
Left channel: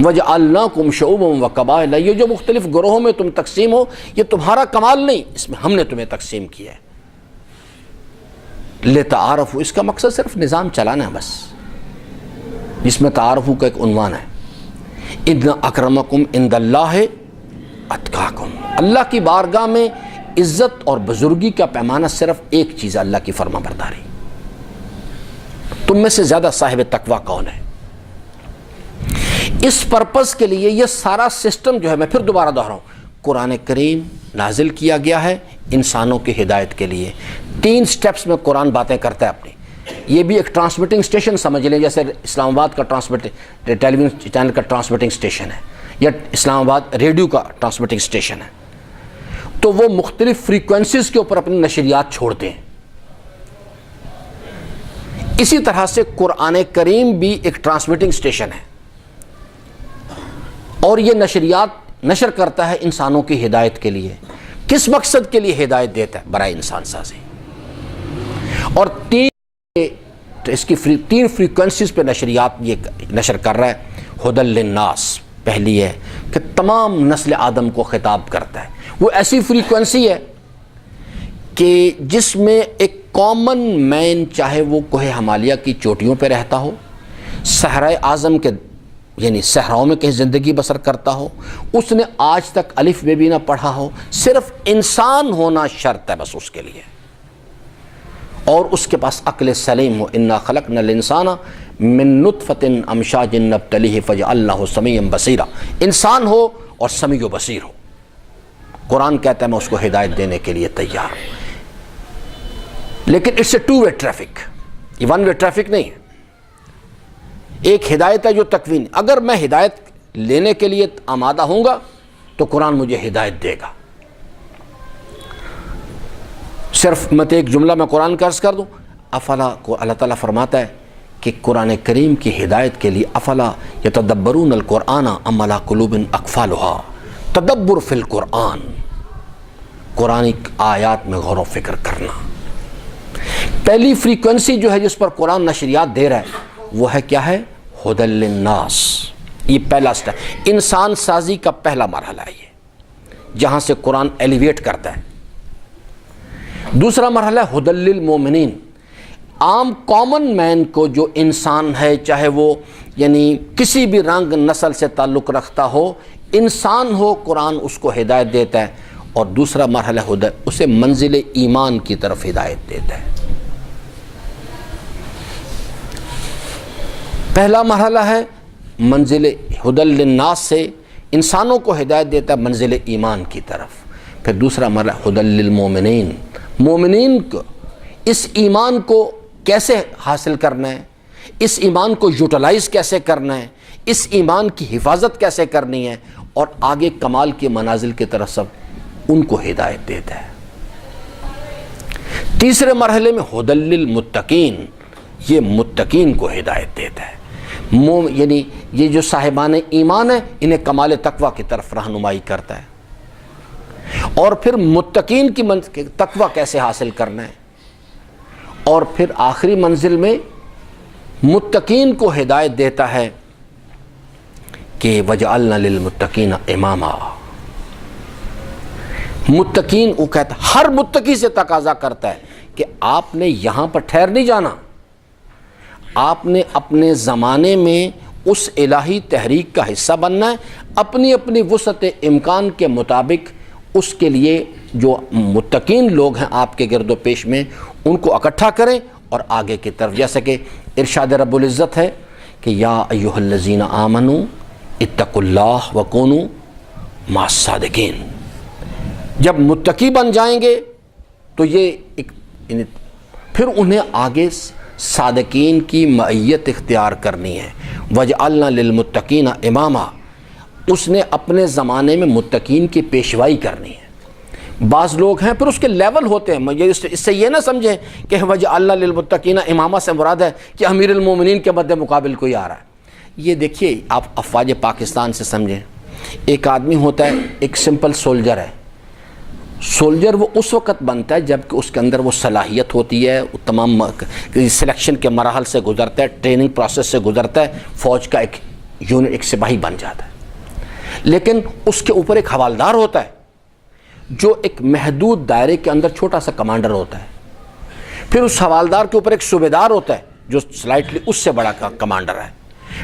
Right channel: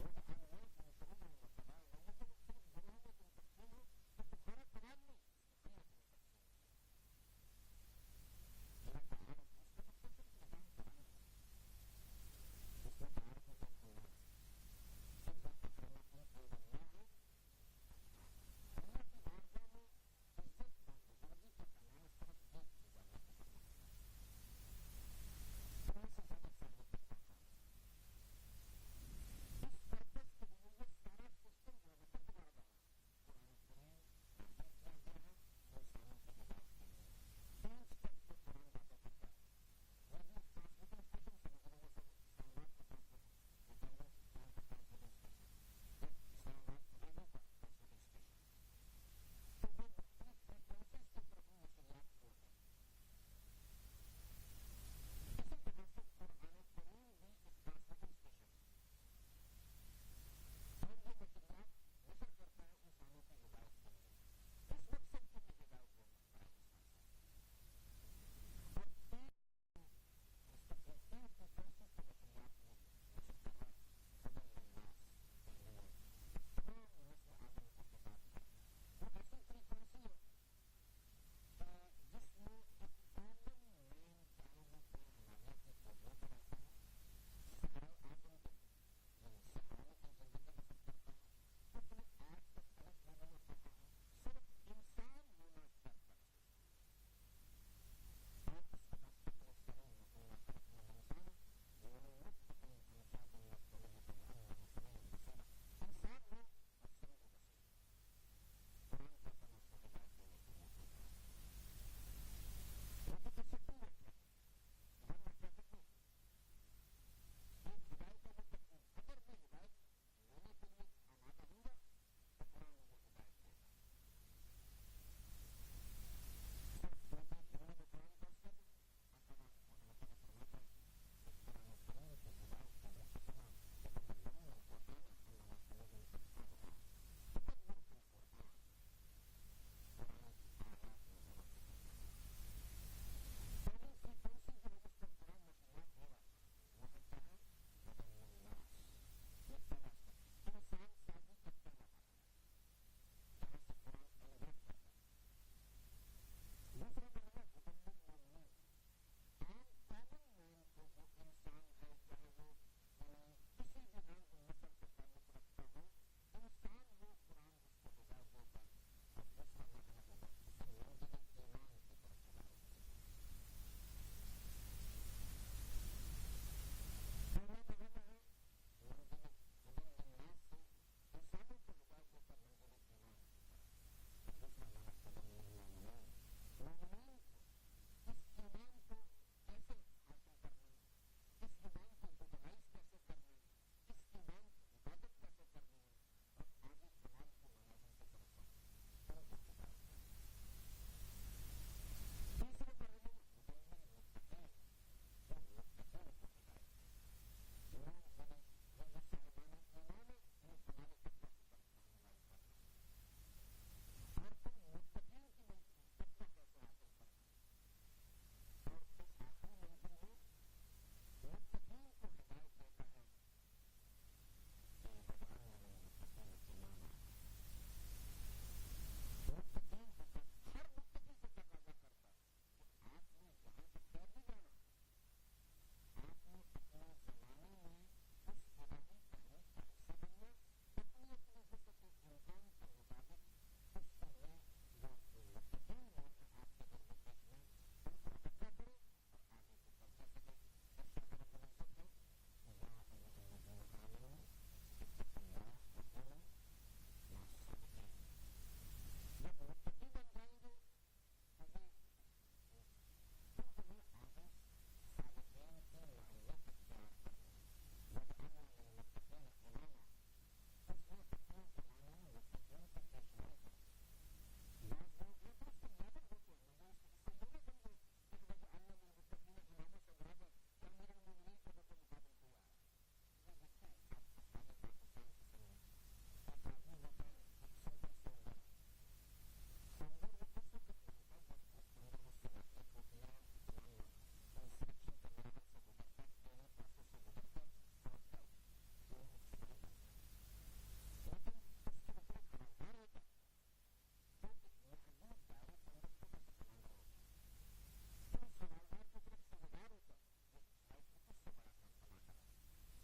وجعلناکم شعوبا و قبائل۔ یہ جو مختلف گروہوں میں تم تقسیم ہو، یہ تمہارا کمال نہیں، اس میں ہم نے تمہیں تقسیم کیا ہے، لتعارفوا، اس کا مقصد صرف نظام چلانا ہے بس، جس میں تعارف کا ایک عنوان ہے، ان اکرمکم عند اللہ اتقاکم۔ اللہ کی بارگاہ میں عزت اور بزرگی کا پیمانہ صرف ایک چیز ہے، اللہ کی فرما برداری۔ تم میں سے زیادہ صاحب تقوی کون ہے؟ اس پرپس کے لیے یہ سارا سسٹم جو ہے، میں پھر دوبارہ دہراؤں، قرآن کریم نازل کیا گیا ہے انسانوں کی ہدایت کے لیے۔ 3 سٹیپس میں قرآن باتیں کرتا ہے اپنی۔ یہ بھی ایک ٹرانسمیٹنگ اسٹیشن سمجھ لیں، جیسے اسلام آباد کا ٹیلی ویژن چینل کا ٹرانسمیٹنگ اسٹیشن ہے، یا اسلام آباد ریڈیو کا ٹرانسمیٹنگ اسٹیشن ہے، تو وہ مختلف فریکوینسیز کے اوپر اپنی نشریات چھوڑتے ہیں۔ اسی طرح سے قرآن کریم بھی ایک ٹرانسمیٹنگ اسٹیشن ہے، اور یہ نشریات نشر کرتا ہے انسانوں کی ہدایت کے لیے۔ کس مقصد کے لیے ہدایت دیتا ہے؟ برائے انسان سازی۔ اور اس کی 3 فریکوینسیز پہ نشریات یہ نشر کر رہا ہے۔ ہدی للناس پہلی ہے کہ تمام نسل آدم کو خطاب کرتا ہے، وہ ایسی فریکوینسی ہے کہ جس میں ایک کامن مین، چاہے وہ کوہ ہمالیہ کی چوٹیوں پہ رہتا ہو، صحرائے اعظم کے یعنی صحراؤں میں کہیں زندگی بسر کرتا ہو، اس نے آج تک الف بے بھی نہ پڑھا ہو، صرف انسان ہونا شرط ہے بس اس کے لیے، اور اس کے پاس عقل سلیم ہو۔ انا خلقنا الانسان من نطفۃ امشاج نبتلیہ فجعلناہ سمیعا بصیرا، انسان ہو اور سمیع و بصیر ہو۔ قرآن کہتا ہے میں اس کو ہدایت دینے کے لیے تیار ہوں، لیکن اٹس اے 2 وے ٹریفک، یہ 1 وے ٹریفک نہیں ہے۔ ایک ہدایت ہے جو تکوین، اگر میں ہدایت لینے کے لیے آمادہ ہوں گا تو قرآن مجھے ہدایت دے گا۔ صرف میں ایک جملہ میں قرآن کا عرض کر دوں، افلا کو اللہ تعالیٰ فرماتا ہے کہ قرآن کریم کی ہدایت کے لیے افلا یتدبرون القرآن ام علی قلوب اقفالھا، تدبر فی القرآن، قرآن آیات میں غور و فکر کرنا۔ پہلی فریکوینسی جو ہے جس پر قرآن نشریات دے رہا ہے وہ ہے کیا ہے؟ ھدی للناس۔ یہ پہلا سٹیپ، انسان سازی کا پہلا مرحلہ ہے یہ، جہاں سے قرآن ایلیویٹ کرتا ہے۔ دوسرا مرحلہ ہے ھدی للمؤمنین، عام کامن مین کو، جو انسان ہے چاہے وہ یعنی کسی بھی رنگ نسل سے تعلق رکھتا ہو، انسان ہو، قرآن اس کو ہدایت دیتا ہے۔ اور دوسرا مرحلہ اسے منزل ایمان کی طرف ہدایت دیتا ہے۔ پہلا مرحلہ ہے منزل ھدی للناس سے انسانوں کو ہدایت دیتا ہے منزل ایمان کی طرف۔ پھر دوسرا مرحلہ ھدی للمؤمنین، مومنین کو اس ایمان کو کیسے حاصل کرنا ہے، اس ایمان کو یوٹیلائز کیسے کرنا ہے، اس ایمان کی حفاظت کیسے کرنی ہے، اور آگے کمال کے منازل کی طرف سب ان کو ہدایت دیتا ہے۔ تیسرے مرحلے میں ھدی للمتقین، یہ متقین کو ہدایت دیتا ہے، یعنی یہ جو صاحبان ایمان ہیں انہیں کمال تقوی کی طرف رہنمائی کرتا ہے۔ اور پھر متقین کی تقوی کیسے حاصل کرنا ہے، اور پھر آخری منزل میں متقین کو ہدایت دیتا ہے کہ وَجَعَلْنَا لِلْمُتَّقِينَ إِمَامًا۔ متقین، وہ کہتا ہے ہر متقی سے تقاضا کرتا ہے کہ آپ نے یہاں پر ٹھہر نہیں جانا، آپ نے اپنے زمانے میں اس الہی تحریک کا حصہ بننا ہے، اپنی اپنی وسعت امکان کے مطابق اس کے لیے جو متقین لوگ ہیں آپ کے گرد و پیش میں ان کو اکٹھا کریں اور آگے کی طرف، جیسے کہ ارشاد رب العزت ہے کہ یا ایھا الذین آمنوا اتقوا اللہ وکونوا مع الصادقین۔ جب متقی بن جائیں گے تو یہ پھر انہیں آگے صادقین کی معیت اختیار کرنی ہے۔ وَجَعَلْنَا لِلْمُتَّقِينَ إِمَامًا، اس نے اپنے زمانے میں متقین کی پیشوائی کرنی ہے۔ بعض لوگ ہیں پھر اس کے لیول ہوتے ہیں، اس سے یہ نہ سمجھیں کہ وَجَعَلْنَا لِلْمُتَّقِينَ إِمَامًا سے مراد ہے کہ امیر المومنین کے مد مقابل کوئی آ رہا ہے۔ یہ دیکھیے آپ افواج پاکستان سے سمجھیں، ایک آدمی ہوتا ہے، ایک سمپل سولجر ہے، سولجر وہ اس وقت بنتا ہے جب کہ اس کے اندر وہ صلاحیت ہوتی ہے، وہ تمام سلیکشن کے مراحل سے گزرتا ہے، ٹریننگ پروسیس سے گزرتا ہے، فوج کا ایک یونٹ، ایک سپاہی بن جاتا ہے۔ لیکن اس کے اوپر ایک حوالدار ہوتا ہے جو ایک محدود دائرے کے اندر چھوٹا سا کمانڈر ہوتا ہے، پھر اس حوالدار کے اوپر ایک صوبیدار ہوتا ہے جو سلائٹلی اس سے بڑا کمانڈر ہے،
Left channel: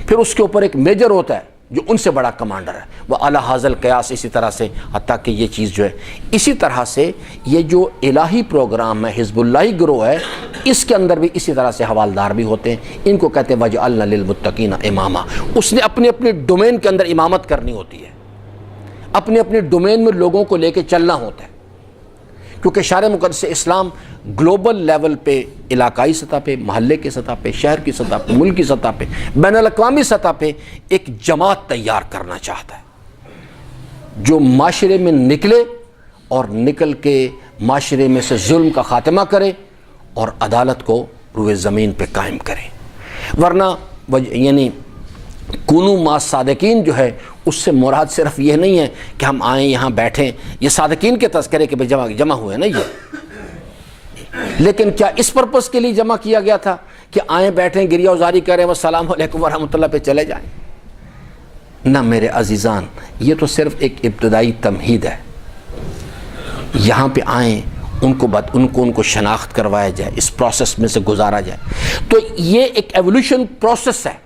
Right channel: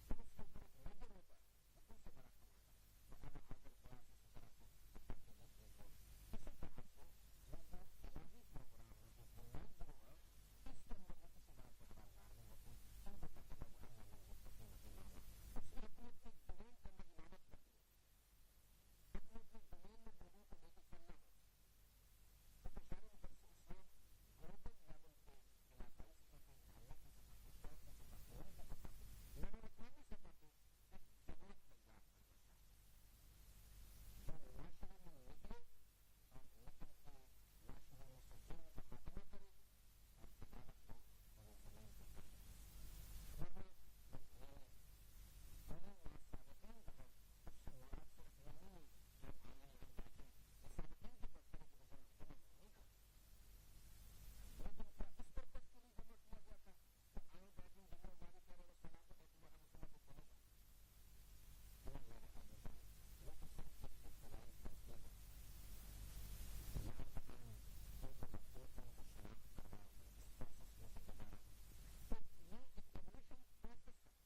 پھر اس کے اوپر ایک میجر ہوتا ہے جو ان سے بڑا کمانڈر ہے، وہ اعلیٰ حاضل قیاس، اسی طرح سے حتیٰ کہ یہ چیز جو ہے اسی طرح سے یہ جو الہی پروگرام ہے، حزب اللہی گروہ ہے، اس کے اندر بھی اسی طرح سے حوالدار بھی ہوتے ہیں۔ ان کو کہتے ہیں وَجَعَلْنَا لِلْمُتَّقِينَ إِمَامًا۔ اس نے اپنے اپنے ڈومین کے اندر امامت کرنی ہوتی ہے، اپنے اپنے ڈومین میں لوگوں کو لے کے چلنا ہوتا ہے، کیونکہ شرع مقدس اسلام گلوبل لیول پہ، علاقائی سطح پہ، محلے کی سطح پہ، شہر کی سطح پہ، ملک کی سطح پہ، بین الاقوامی سطح پہ ایک جماعت تیار کرنا چاہتا ہے جو معاشرے میں نکلے اور نکل کے معاشرے میں سے ظلم کا خاتمہ کرے اور عدالت کو روئے زمین پہ قائم کرے۔ ورنہ یعنی کونوا مع الصادقین جو ہے اس سے مراد صرف یہ نہیں ہے کہ ہم آئیں یہاں بیٹھیں، یہ صادقین کے تذکرے کے جمع ہوئے نا یہ، لیکن کیا اس پرپس کے لیے جمع کیا گیا تھا کہ آئیں بیٹھیں گریہ وزاری کریں والسلام علیکم ورحمۃ اللہ پہ چلے جائیں؟ نہ میرے عزیزان، یہ تو صرف ایک ابتدائی تمہید ہے۔ یہاں پہ آئیں، ان کو شناخت کروایا جائے، اس پروسیس میں سے گزارا جائے، تو یہ ایک ایولیوشن پروسیس ہے۔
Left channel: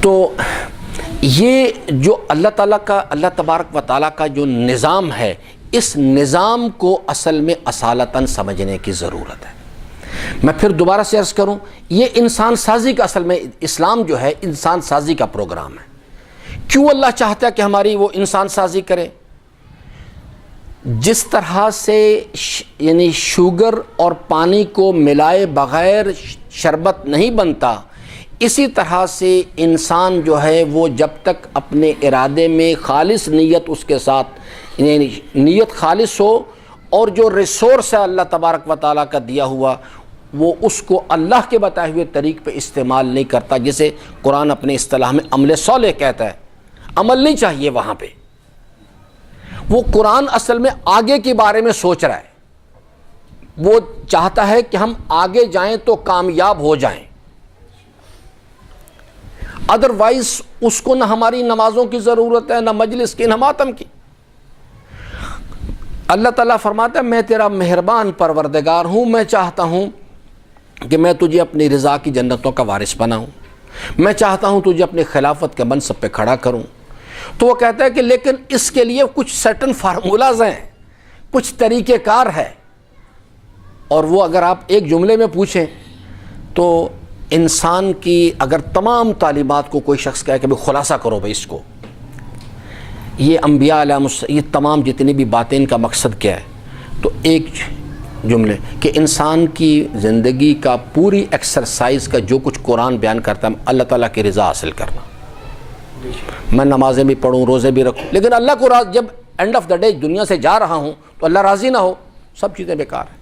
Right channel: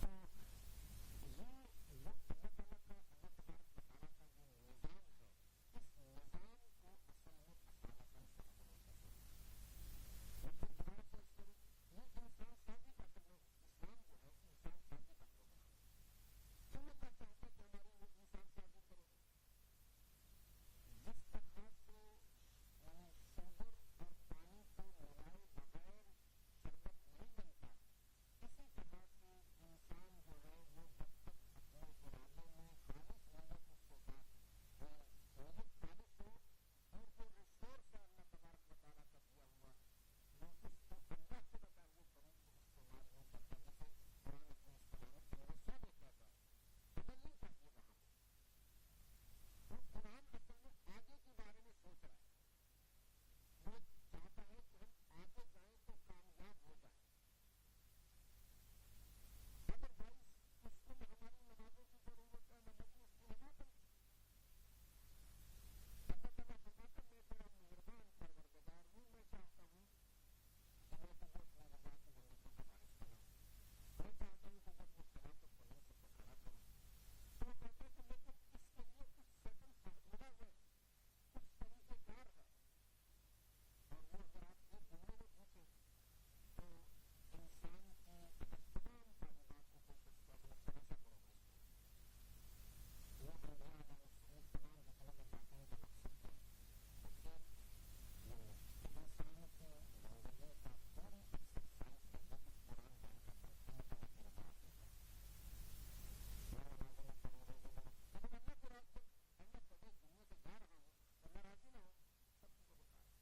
تو یہ جو اللہ تبارک و تعالیٰ کا جو نظام ہے، اس نظام کو اصل میں اصالتاً سمجھنے کی ضرورت ہے۔ میں پھر دوبارہ سے عرض کروں، یہ انسان سازی کا، اصل میں اسلام جو ہے انسان سازی کا پروگرام ہے۔ کیوں اللہ چاہتا ہے کہ ہماری وہ انسان سازی کرے؟ جس طرح سے یعنی شوگر اور پانی کو ملائے بغیر شربت نہیں بنتا، اسی طرح سے انسان جو ہے وہ جب تک اپنے ارادے میں خالص نیت اس کے ساتھ، یعنی نیت خالص ہو اور جو ریسورس ہے اللہ تبارک و تعالیٰ کا دیا ہوا وہ اس کو اللہ کے بتائے ہوئے طریق پہ استعمال نہیں کرتا، جسے قرآن اپنے اصطلاح میں عمل صالح کہتا ہے۔ عمل نہیں چاہیے وہاں پہ، وہ قرآن اصل میں آگے کے بارے میں سوچ رہا ہے، وہ چاہتا ہے کہ ہم آگے جائیں تو کامیاب ہو جائیں، ادروائز اس کو نہ ہماری نمازوں کی ضرورت ہے، نہ مجلس کی، نہ ماتم کی۔ اللہ تعالیٰ فرماتا ہے میں تیرا مہربان پروردگار ہوں، میں چاہتا ہوں کہ میں تجھے اپنی رضا کی جنتوں کا وارث بناؤں، میں چاہتا ہوں تجھے اپنی خلافت کے منصب پہ کھڑا کروں۔ تو وہ کہتا ہے کہ لیکن اس کے لیے کچھ سرٹن فارمولاز ہیں، کچھ طریقہ کار ہے، اور وہ اگر آپ ایک جملے میں پوچھیں تو انسان کی اگر تمام تعلیمات کو کوئی شخص کہے کہ بھئی خلاصہ کرو بھئی اس کو، یہ انبیاء علیہ یہ تمام جتنی بھی باتیں ان کا مقصد کیا ہے، تو ایک جملے کہ انسان کی زندگی کا پوری ایکسرسائز کا جو کچھ قرآن بیان کرتا ہے اللہ تعالیٰ کی رضا حاصل کرنا۔ میں نمازیں بھی پڑھوں، روزے بھی رکھوں، لیکن اللہ کو جب اینڈ آف دا ڈے دنیا سے جا رہا ہوں تو اللہ راضی نہ ہو، سب چیزیں بیکار ہیں۔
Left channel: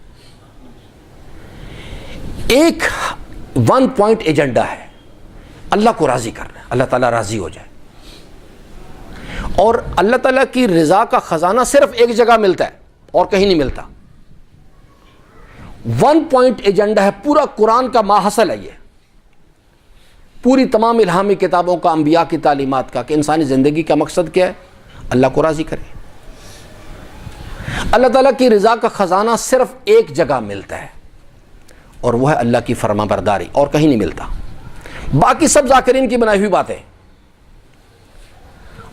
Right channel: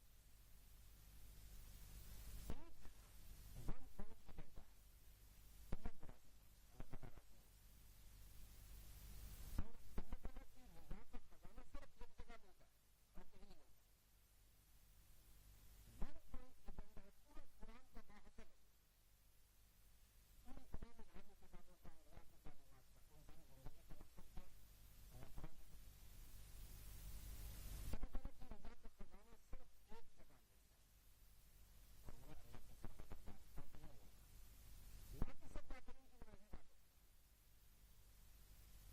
ایک ون پوائنٹ ایجنڈا ہے، اللہ کو راضی کرنا ہے، اللہ تعالیٰ راضی ہو جائے، اور اللہ تعالیٰ کی رضا کا خزانہ صرف ایک جگہ ملتا ہے اور کہیں نہیں ملتا۔ ون پوائنٹ ایجنڈا ہے، پورا قرآن کا ماحصل ہے، یہ پوری تمام الہامی کتابوں کا، انبیاء کی تعلیمات کا، کہ انسانی زندگی کا مقصد کیا ہے؟ اللہ کو راضی کرے۔ اللہ تعالیٰ کی رضا کا خزانہ صرف ایک جگہ ملتا ہے، اور وہ ہے اللہ کی فرما برداری، اور کہیں نہیں ملتا۔ باقی سب ذاکرین کی بنائی ہوئی باتیں،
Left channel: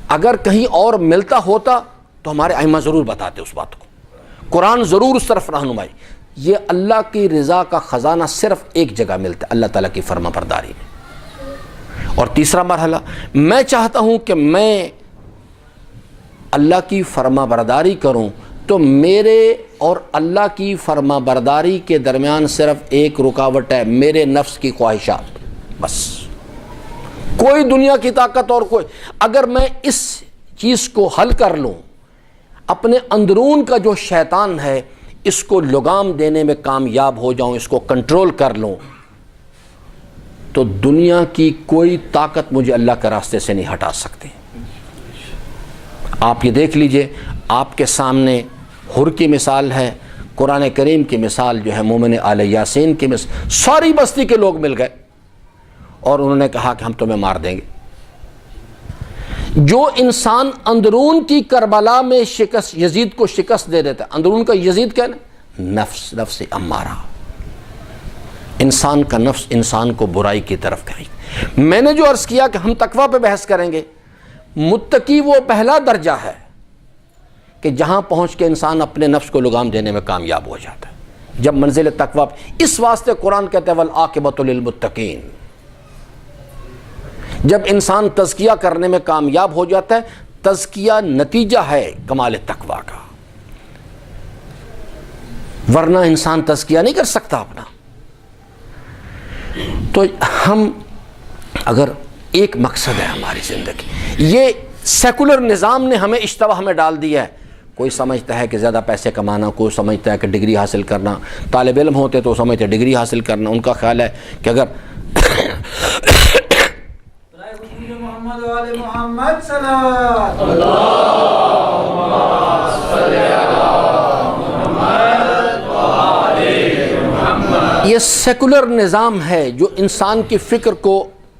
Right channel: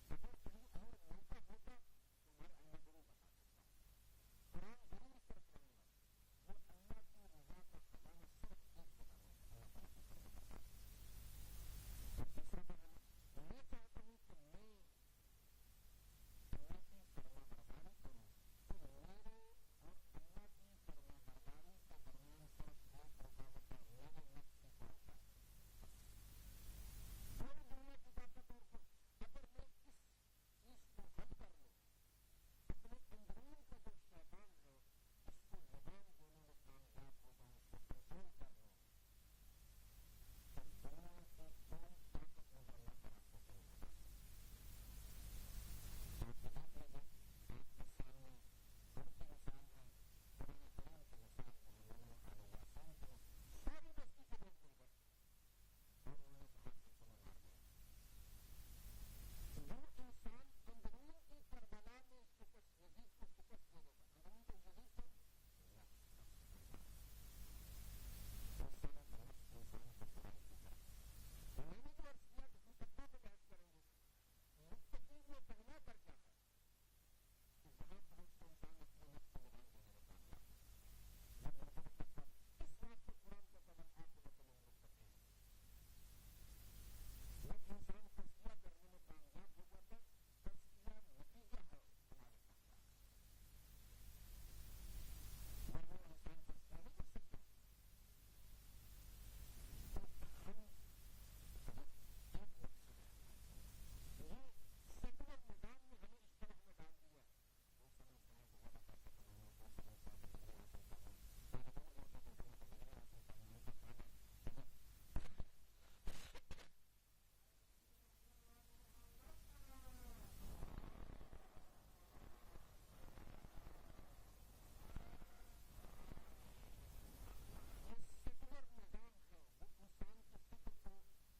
اگر کہیں اور ملتا ہوتا تو ہمارے ائمہ ضرور بتاتے اس بات کو، قرآن ضرور اس طرف رہنمائی۔ یہ اللہ کی رضا کا خزانہ صرف ایک جگہ ملتا ہے، اللہ تعالیٰ کی فرما برداری میں۔ اور تیسرا مرحلہ، میں چاہتا ہوں کہ میں اللہ کی فرما برداری کروں، تو میرے اور اللہ کی فرما برداری کے درمیان صرف ایک رکاوٹ ہے، میرے نفس کی خواہشات، بس۔ کوئی دنیا کی طاقت اور کوئی، اگر میں اس چیز کو حل کر لوں، اپنے اندرون کا جو شیطان ہے اس کو لگام دینے میں کامیاب ہو جاؤں، اس کو کنٹرول کر لوں، تو دنیا کی کوئی طاقت مجھے اللہ کے راستے سے نہیں ہٹا سکتی۔ آپ یہ دیکھ لیجئے، آپ کے سامنے حر کی مثال ہے، قرآن کریم کی مثال جو ہے مومن آل یاسین کی مثال، ساری بستی کے لوگ مل گئے اور انہوں نے کہا کہ ہم تمہیں مار دیں گے۔ جو انسان اندرون کی کربلا میں شکست، یزید کو شکست دے دیتا ہے، اندرون کا یزید کیا ہے؟ نفس امارہ، انسان کا نفس انسان کو برائی کی طرف کہیں۔ میں نے جو عرض کیا کہ ہم تقویٰ پہ بحث کریں گے، متقی وہ پہلا درجہ ہے کہ جہاں پہنچ کے انسان اپنے نفس کو لگام دینے میں کامیاب ہو جاتا ہے، جب منزل تقویٰ۔ اس واسطے قرآن کہتا ہے والعاقبۃ للمتقین، جب انسان تزکیہ کرنے میں کامیاب ہو جاتا ہے، تزکیہ نتیجہ ہے کمال تقویٰ کا، ورنہ انسان تزکیہ نہیں کر سکتا اپنا۔ تو ہم اگر ایک مقصد ہے ہماری زندگی، یہ سیکولر نظام نے ہمیں اشتباہ میں ڈال دیا ہے۔ کوئی سمجھتا ہے کہ زیادہ پیسے کمانا، کوئی سمجھتا ہے کہ ڈگری حاصل کرنا، طالب علم ہوتے تو سمجھتے ڈگری حاصل کرنا، ان کا خیال ہے کہ اگر محمد والے محمد صلی یہ سیکولر نظام ہے جو انسان کی فکر کو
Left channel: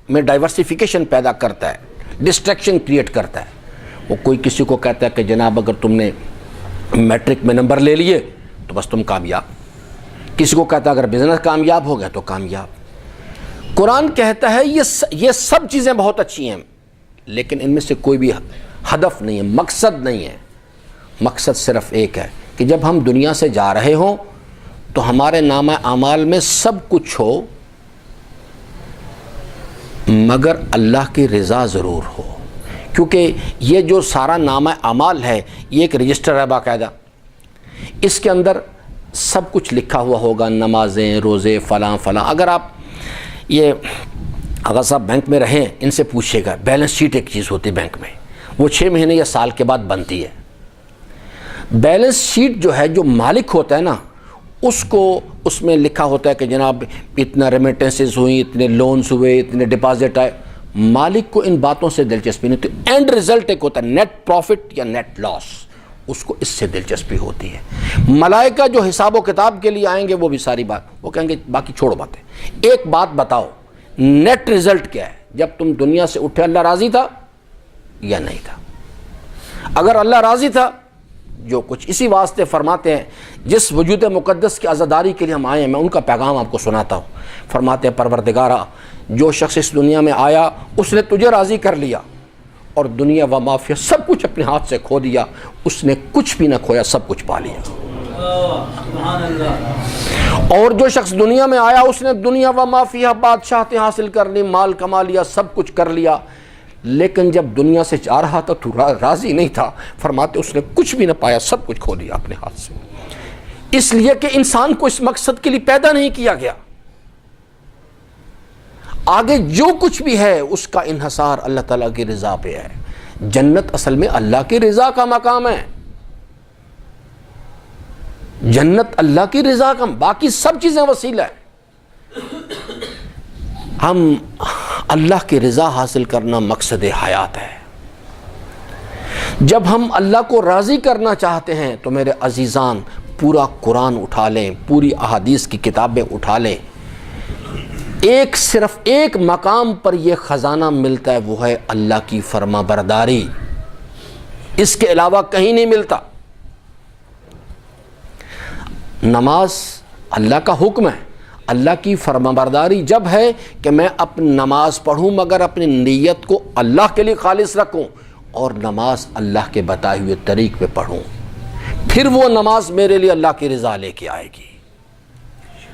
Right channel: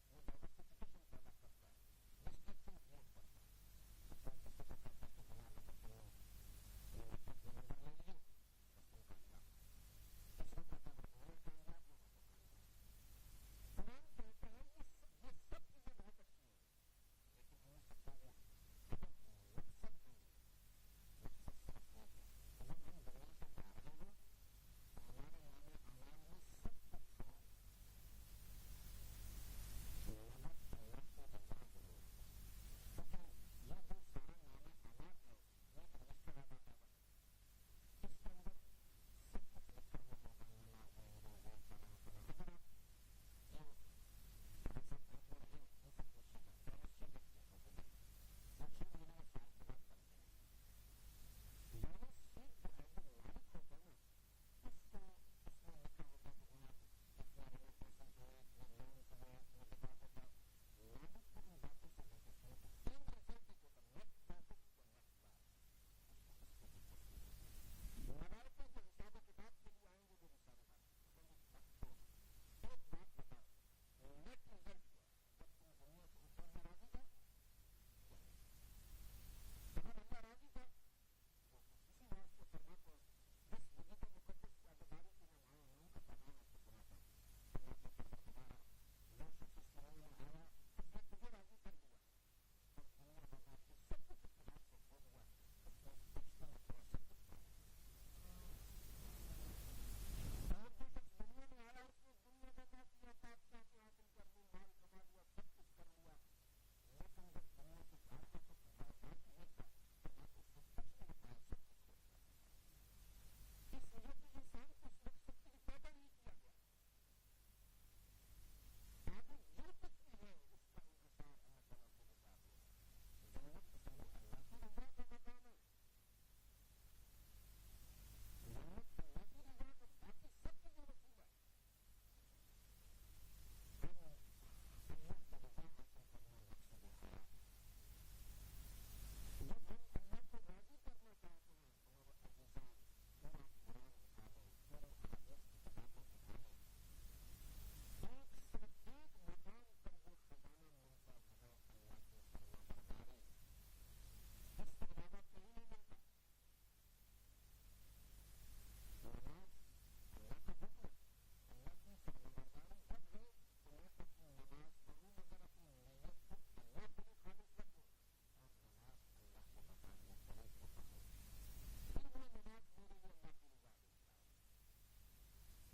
میں ڈائیورسیفیکیشن پیدا کرتا ہے، ڈسٹریکشن کریٹ کرتا ہے۔ وہ کوئی کسی کو کہتا ہے کہ جناب اگر تم نے میٹرک میں نمبر لے لیے تو بس تم کامیاب، کسی کو کہتا ہے اگر بزنس کامیاب ہو گیا تو کامیاب۔ قرآن کہتا ہے یہ سب چیزیں بہت اچھی ہیں، لیکن ان میں سے کوئی بھی ہدف نہیں ہے، مقصد نہیں ہے۔ مقصد صرف ایک ہے کہ جب ہم دنیا سے جا رہے ہوں تو ہمارے نامہ اعمال میں سب کچھ ہو مگر اللہ کی رضا ضرور ہو، کیونکہ یہ جو سارا نامہ اعمال ہے یہ ایک رجسٹر ہے باقاعدہ، اس کے اندر سب کچھ لکھا ہوا ہوگا، نمازیں، روزے، فلاں فلاں۔ اگر آپ یہ اگر صاحب بینک میں رہیں، ان سے پوچھیے گا، بیلنس شیٹ ایک چیز ہوتی ہے بینک میں، وہ 6 مہینے یا سال کے بعد بنتی ہے۔ بیلنس شیٹ جو ہے جو مالک ہوتا ہے نا اس کو اس میں لکھا ہوتا ہے کہ جناب اتنا ریمیٹنسز ہوئی، اتنے لونز ہوئے، اتنے ڈپازٹ آئے. مالک کو ان باتوں سے دلچسپی نہیں ہوتی. اینڈ رزلٹ ایک ہوتا ہے نیٹ پروفٹ یا نیٹ لاس، اس کو اس سے دلچسپی ہوتی ہے. ملائکہ جو حساب و کتاب کے لیے آئیں گے وہ بھی ساری بات وہ کہیں گے باقی چھوڑو باتیں، ایک بات بتاؤ نیٹ رزلٹ کیا ہے. جب تم دنیا سے اٹھے اللہ راضی تھا یا نہیں تھا؟ اگر اللہ راضی تھا جو کچھ اسی واسطے فرماتے ہیں جس وجود مقدس کی عزاداری کے لیے ہم آئے ہیں، میں ان کا پیغام آپ کو سناتا ہوں. فرماتے ہیں پروردگارا جو شخص اس دنیا میں آیا اس نے تجھے راضی کر لیا اور دنیا و ما فیہا سب کچھ اپنے ہاتھ سے کھو دیا، اس نے کچھ بھی نہ کھویا، سب کچھ پا لیا. اور جو شخص دنیا میں آیا اس نے دنیا و ما فیہا بادشاہتیں حاصل کر لی، مال کما لیا، سب کچھ کر لیا، لیکن جب دنیا سے جا رہا تھا تو راضی نہیں تھا. فرماتے اس نے کچھ بھی نہ پایا، سب کچھ کھو دیا اپنے ہاتھ سے. اس لیے کہ انسان کو اس مقصد کے لیے پیدا نہیں کیا گیا. آگے جو کچھ بھی ہے اس کا انحصار اللہ تعالیٰ کی رضا پہ ہے. جنت اصل میں اللہ کی رضا کا مقام ہے. جنت اللہ کی رضا کا، باقی سب چیزیں وسیلہ ہے. ہم اللہ کی رضا حاصل کرنا مقصد حیات ہے. جب ہم اللہ کو راضی کرنا چاہتے ہیں تو میرے عزیزان پورا قرآن اٹھا لیں، پوری احادیث کی کتابیں اٹھا لیں، صرف ایک مقام پر یہ خزانہ ملتا ہے، وہ ہے اللہ کی فرما برداری. اس کے علاوہ کہیں نہیں ملتا. نماز اللہ کا حکم ہے، اللہ کی فرما برداری جب ہے کہ میں اپنی نماز پڑھوں مگر اپنی نیت کو اللہ کے لیے خالص رکھوں اور نماز اللہ کے بتائے ہوئے طریق پہ پڑھوں، پھر وہ نماز میرے لیے اللہ کی رضا لے کے آئے گی.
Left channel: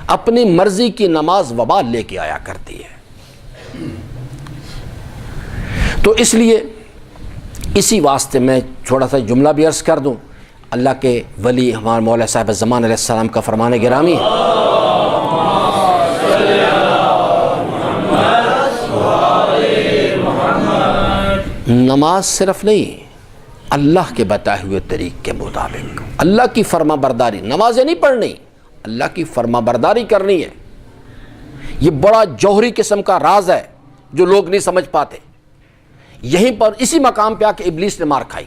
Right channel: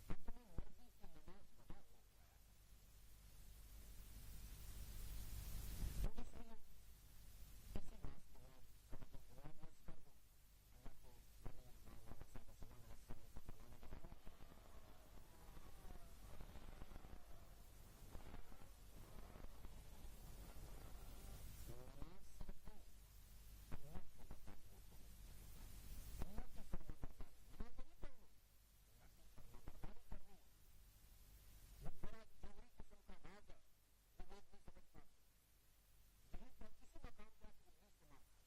اپنی مرضی کی نماز وبال لے کے آیا کرتی ہے. تو اس لیے اسی واسطے میں تھوڑا سا جملہ بھی عرض کر دوں. اللہ کے ولی ہمارے مولا صاحب زمان علیہ السلام کا فرمان گرامی ہے، نماز صرف نہیں، اللہ کے بتائے ہوئے طریق کے مطابق اللہ کی فرما برداری. نمازیں نہیں پڑھنی، اللہ کی فرما برداری کرنی ہے. یہ بڑا جوہری قسم کا راز ہے جو لوگ نہیں سمجھ پاتے. یہیں پر اسی مقام پہ آ کے ابلیس نے مار کھائی.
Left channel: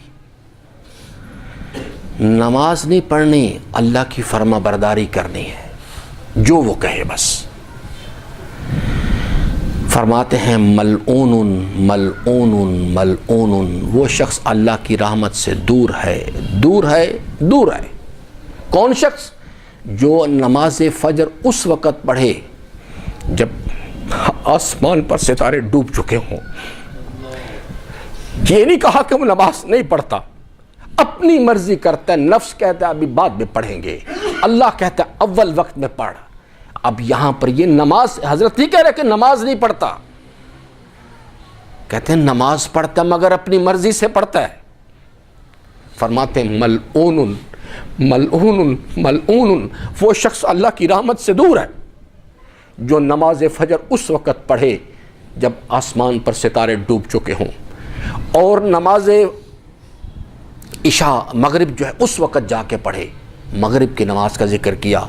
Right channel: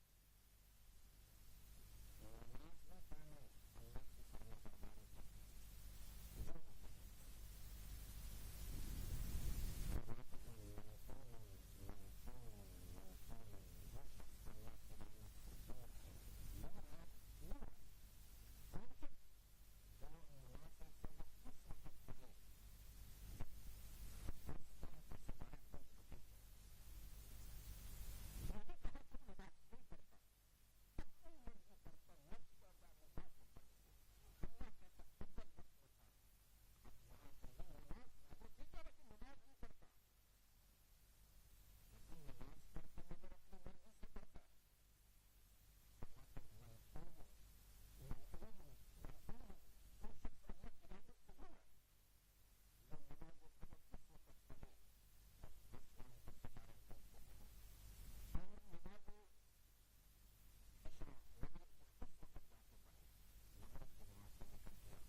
نماز نہیں پڑھنی، اللہ کی فرما برداری کرنی ہے، جو وہ کہے بس. فرماتے ہیں ملعون ملعون ملعون، وہ شخص اللہ کی رحمت سے دور ہے دور ہے دور ہے. کون شخص؟ جو نماز فجر اس وقت پڑھے جب آسمان پر ستارے ڈوب چکے ہوں. یہ نہیں کہا کہ وہ نماز نہیں پڑھتا، اپنی مرضی کرتا ہے. نفس کہتا ہے ابھی بعد میں پڑھیں گے، اللہ کہتا ہے اول وقت میں پڑھ. اب یہاں پر یہ نماز، حضرت نہیں کہہ رہے کہ نماز نہیں پڑھتا، کہتے ہیں نماز پڑھتا مگر اپنی مرضی سے پڑھتا ہے. فرماتے ہیں ملعون ملعون ملعون، وہ شخص اللہ کی رحمت سے دور ہے جو نماز فجر اس وقت پڑھے جب آسمان پر ستارے ڈوب چکے ہوں، اور نماز عشاء مغرب جو ہے اس وقت جا کے پڑھے. مغرب کی نماز کا ذکر کیا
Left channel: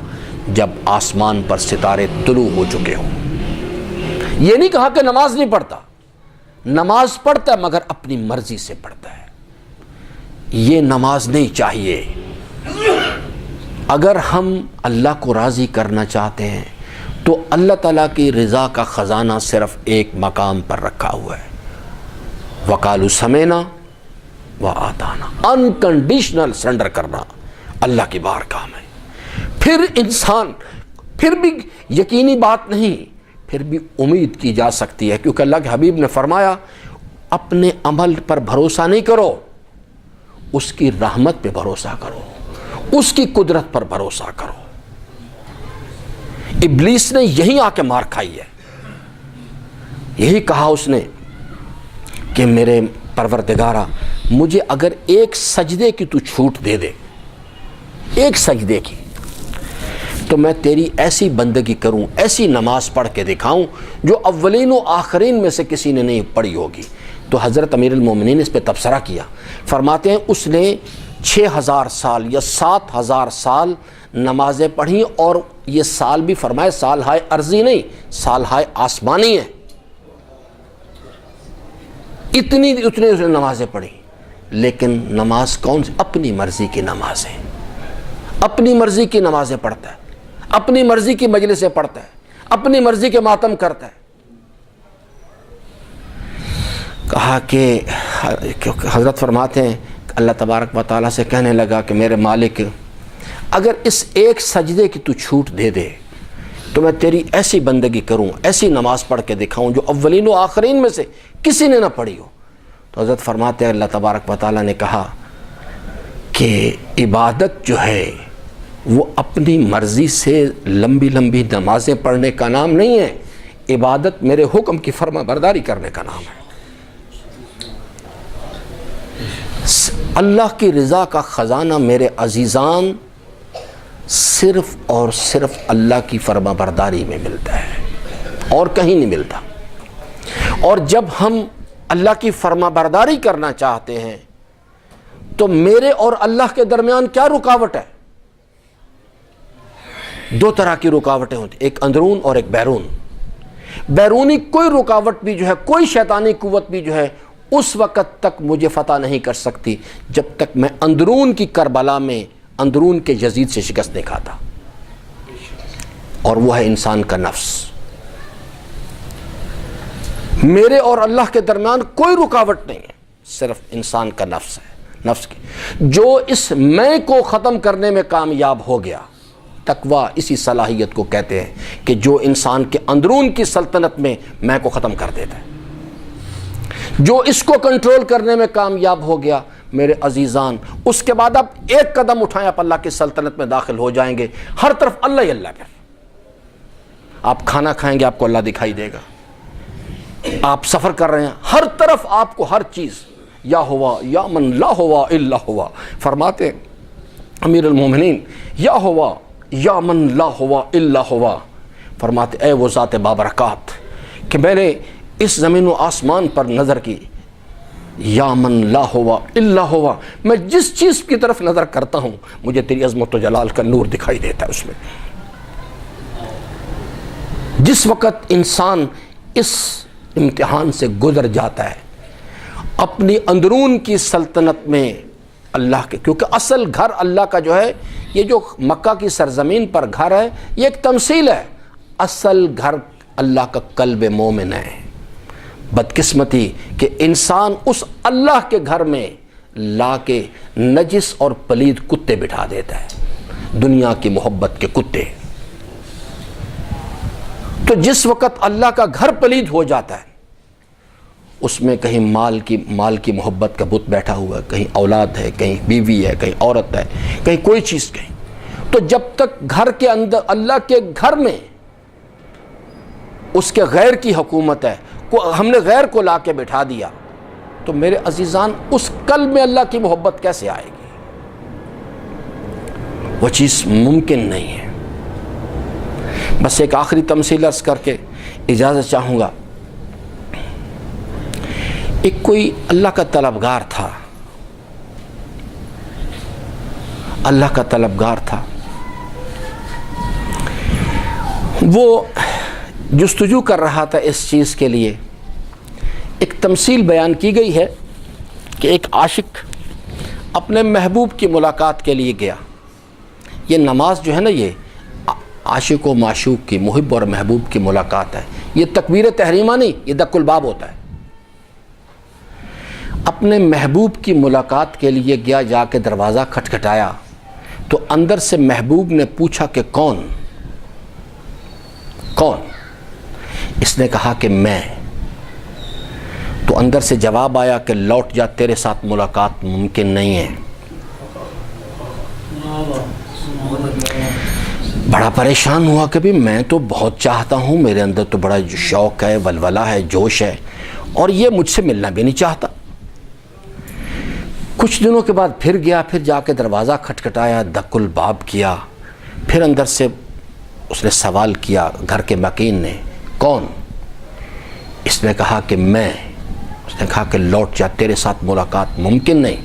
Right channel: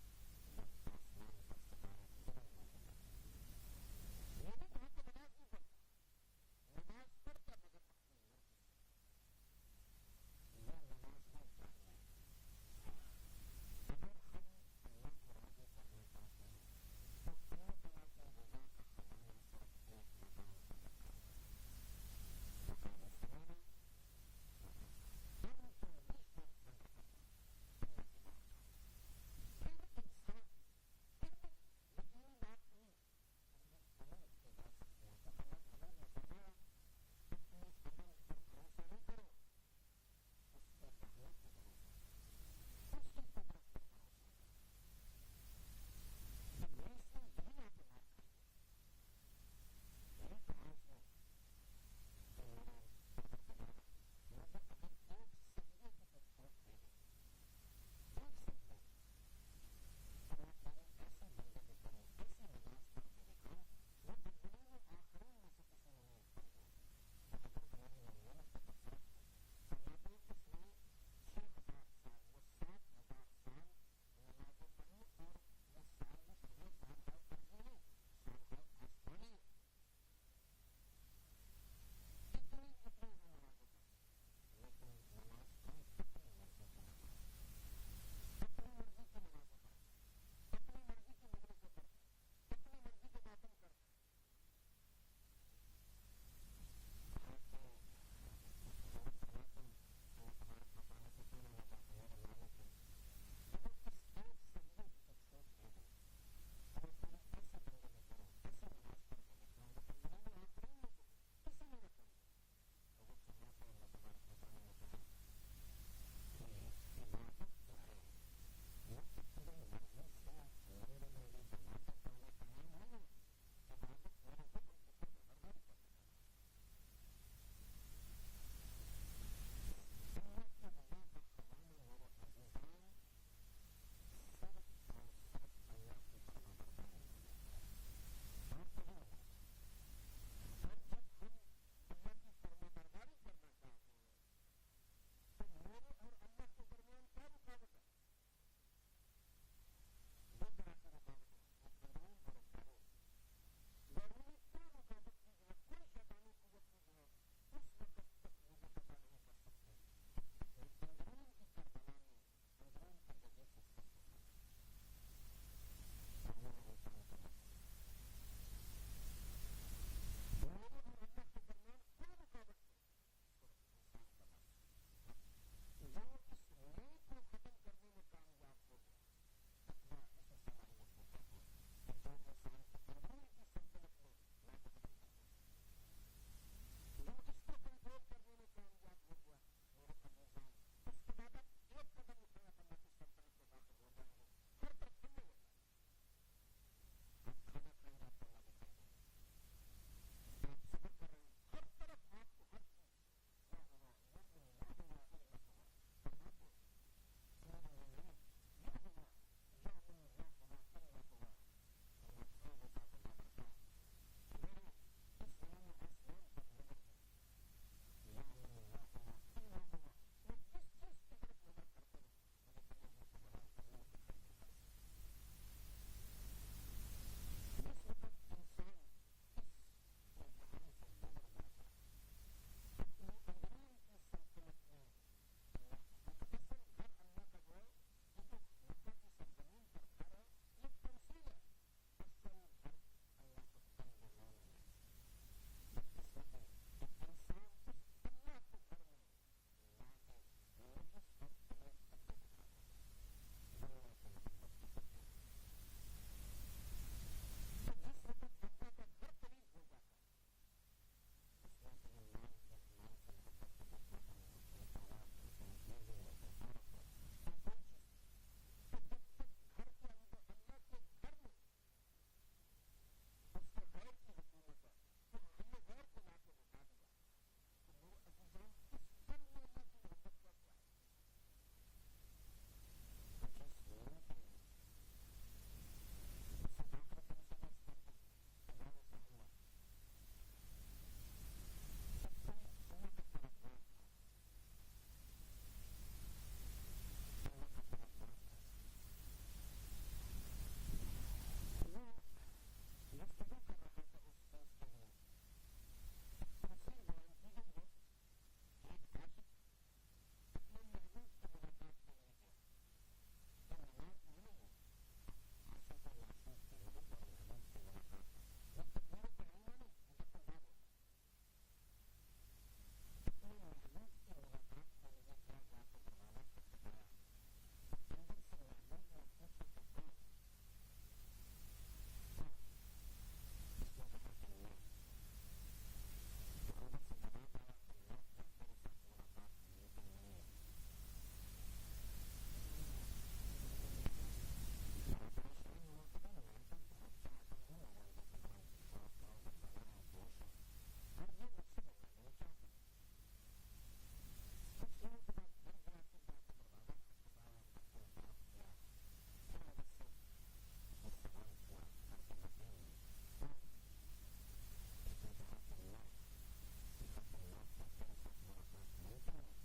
جب آسمان پر ستارے طلوع ہو چکے ہوں. یہ نہیں کہا کہ نماز نہیں پڑھتا، نماز پڑھتا ہے مگر اپنی مرضی سے پڑھتا ہے. یہ نماز نہیں چاہیے. اگر ہم اللہ کو راضی کرنا چاہتے ہیں تو اللہ تعالیٰ کی رضا کا خزانہ صرف ایک مقام پر رکھا ہوا ہے، وقالوا سمعنا وآطعنا، انکنڈیشنل سرنڈر کرنا اللہ کی بارگاہ میں. پھر انسان، پھر بھی یقینی بات نہیں، پھر بھی امید کی جا سکتی ہے، کیونکہ اللہ کے حبیب نے فرمایا اپنے عمل پر بھروسہ نہیں کرو، اس کی رحمت پہ بھروسہ کرو، اس کی قدرت پر بھروسہ کرو. ابلیس نے یہی آ کے مار کھائی ہے. یہی کہا اس نے کہ میرے پروردگارا مجھے اگر ایک سجدے کی تو چھوٹ دے دے، ایک سجدے کی، تو میں تیری ایسی بندگی کروں، ایسی نماز پڑھ کے دکھاؤں جو اولین و آخرین میں سے کسی نے نہیں پڑھی ہوگی. تو حضرت امیر المومنین اس پہ تبصرہ کیا. فرماتے ہیں اس نے 6,000 سال یا 7,000 سال نمازیں پڑھیں، اور یہ سال بھی فرمائے سال ہائے ارضی نہیں، سال ہائے آسمانی ہے، اتنی اس نے نمازیں پڑھی. لیکن نماز کون سی؟ اپنی مرضی کی نمازیں، اپنی مرضی کی نمازیں پڑھتا ہے، اپنی مرضی کی مجلسیں پڑھتا ہے، اپنی مرضی کے ماتم کرتا ہے. کہا کہ حضرت فرماتے ہیں اللہ تبارک و تعالیٰ سے کہنے لگا کہ میرے مالک، اگر اس ایک سجدے کی تو چھوٹ دے دے تو میں تیری ایسی بندگی کروں، ایسی نماز پڑھ کے دکھاؤں جو اولین و آخرین میں سے کسی نے نہ پڑھی ہو. تو حضرت فرماتے ہیں اللہ تبارک و تعالیٰ نے کہا کہ عبادت جو ہے وہ اپنی مرضی سے لمبی لمبی نمازیں پڑھنے کا نام نہیں ہے، عبادت میرے حکم کی فرما برداری کرنے کا نام ہے. اللہ کی رضا کا خزانہ میرے عزیزان صرف اور صرف اللہ کی فرما برداری میں ملتا ہے، اور کہیں نہیں ملتا. اور جب ہم اللہ کی فرما برداری کرنا چاہتے ہیں تو میرے اور اللہ کے درمیان کیا رکاوٹ ہے؟ 2 طرح کی رکاوٹیں ہوتی ہیں، ایک اندرون اور ایک بیرون. بیرونی کوئی رکاوٹ بھی جو ہے، کوئی شیطانی قوت بھی جو ہے، اس وقت تک مجھے فتح نہیں کر سکتی جب تک میں اندرون کی کربلا میں اندرون کے یزید سے شکست نہیں کھاتا، اور وہ ہے انسان کا نفس. میرے اور اللہ کے درمیان کوئی رکاوٹ نہیں ہے، صرف انسان کا نفس ہے. نفس کی جو اس میں کو ختم کرنے میں کامیاب ہو گیا، تقویٰ اسی صلاحیت کو کہتے ہیں کہ جو انسان کے اندرون کی سلطنت میں کو ختم کر دیتا ہے. جو اس کو کنٹرول کرنے میں کامیاب ہو گیا میرے عزیزان، اس کے بعد آپ ایک قدم اٹھائیں آپ اللہ کی سلطنت میں داخل ہو جائیں گے. ہر طرف اللہ ہی اللہ. پھر آپ کھانا کھائیں گے آپ کو اللہ دکھائی دے گا، آپ سفر کر رہے ہیں ہر طرف آپ کو ہر چیز یا ہوا یا من لا ہوا الا ہوا. فرماتے امیر المومنین یا ہوا یا من لا ہوا الا ہوا. فرماتے اے وہ ذات بابرکات کہ میں نے اس زمین و آسمان پر نظر کی، یا من لا ہوا الا ہوا، میں جس چیز کی طرف نظر کرتا ہوں مجھے تیری عظمت و جلال کا نور دکھائی دیتا ہے. اس میں جس وقت انسان اس امتحان سے گزر جاتا ہے اپنی اندرون کی سلطنت میں اللہ کے، کیونکہ اصل گھر اللہ کا جو ہے، یہ جو مکہ کی سرزمین پر گھر ہے یہ ایک تمثیل ہے، اصل گھر اللہ کا قلب مومن ہے. بدقسمتی کہ انسان اس اللہ کے گھر میں لا کے نجس اور پلید کتے بٹھا دیتا ہے، دنیا کی محبت کے کتے. تو جس وقت اللہ کا گھر پلید ہو جاتا ہے اس میں کہیں مال کی محبت کا بت بیٹھا ہوا ہے، کہیں اولاد ہے، کہیں بیوی ہے، کہیں عورت ہے، کہیں کوئی چیز کہیں. تو جب تک گھر کے اندر اللہ کے گھر میں اس کے غیر کی حکومت ہے، ہم نے غیر کو لا کے بٹھا دیا، تو میرے عزیزان اس قلب میں اللہ کی محبت کیسے آئے گی؟ وہ چیز ممکن نہیں ہے. بس ایک آخری تمثیل عرض کر کے اجازت چاہوں گا. ایک کوئی اللہ کا طلبگار تھا، اللہ کا طلبگار تھا، وہ جستجو کر رہا تھا اس چیز کے لیے. ایک تمثیل بیان کی گئی ہے کہ ایک عاشق اپنے محبوب کی ملاقات کے لیے گیا. یہ نماز جو ہے نا، یہ عاشق و معشوق کی، محب اور محبوب کی ملاقات ہے. یہ تکبیر تحریمہ نہیں، یہ دق الباب ہوتا ہے. اپنے محبوب کی ملاقات کے لیے گیا، جا کے دروازہ کھٹکھٹایا تو اندر سے محبوب نے پوچھا کہ کون؟ اس نے کہا کہ میں. تو اندر سے جواب آیا کہ لوٹ جا، تیرے ساتھ ملاقات ممکن نہیں ہے. بڑا پریشان ہوا کہ بھی میں تو بہت چاہتا ہوں، میرے اندر تو بڑا شوق ہے، ولولہ ہے، جوش ہے، اور یہ مجھ سے ملنا بھی نہیں چاہتا. کچھ دنوں کے بعد پھر گیا، پھر جا کے دروازہ کھٹکھٹایا، دق الباب کیا. پھر اندر سے اس نے سوال کیا گھر کے مکین نے، کون؟ اس نے کہا کہ میں. اس نے کہا کہ لوٹ جا، تیرے ساتھ ملاقات ممکن نہیں.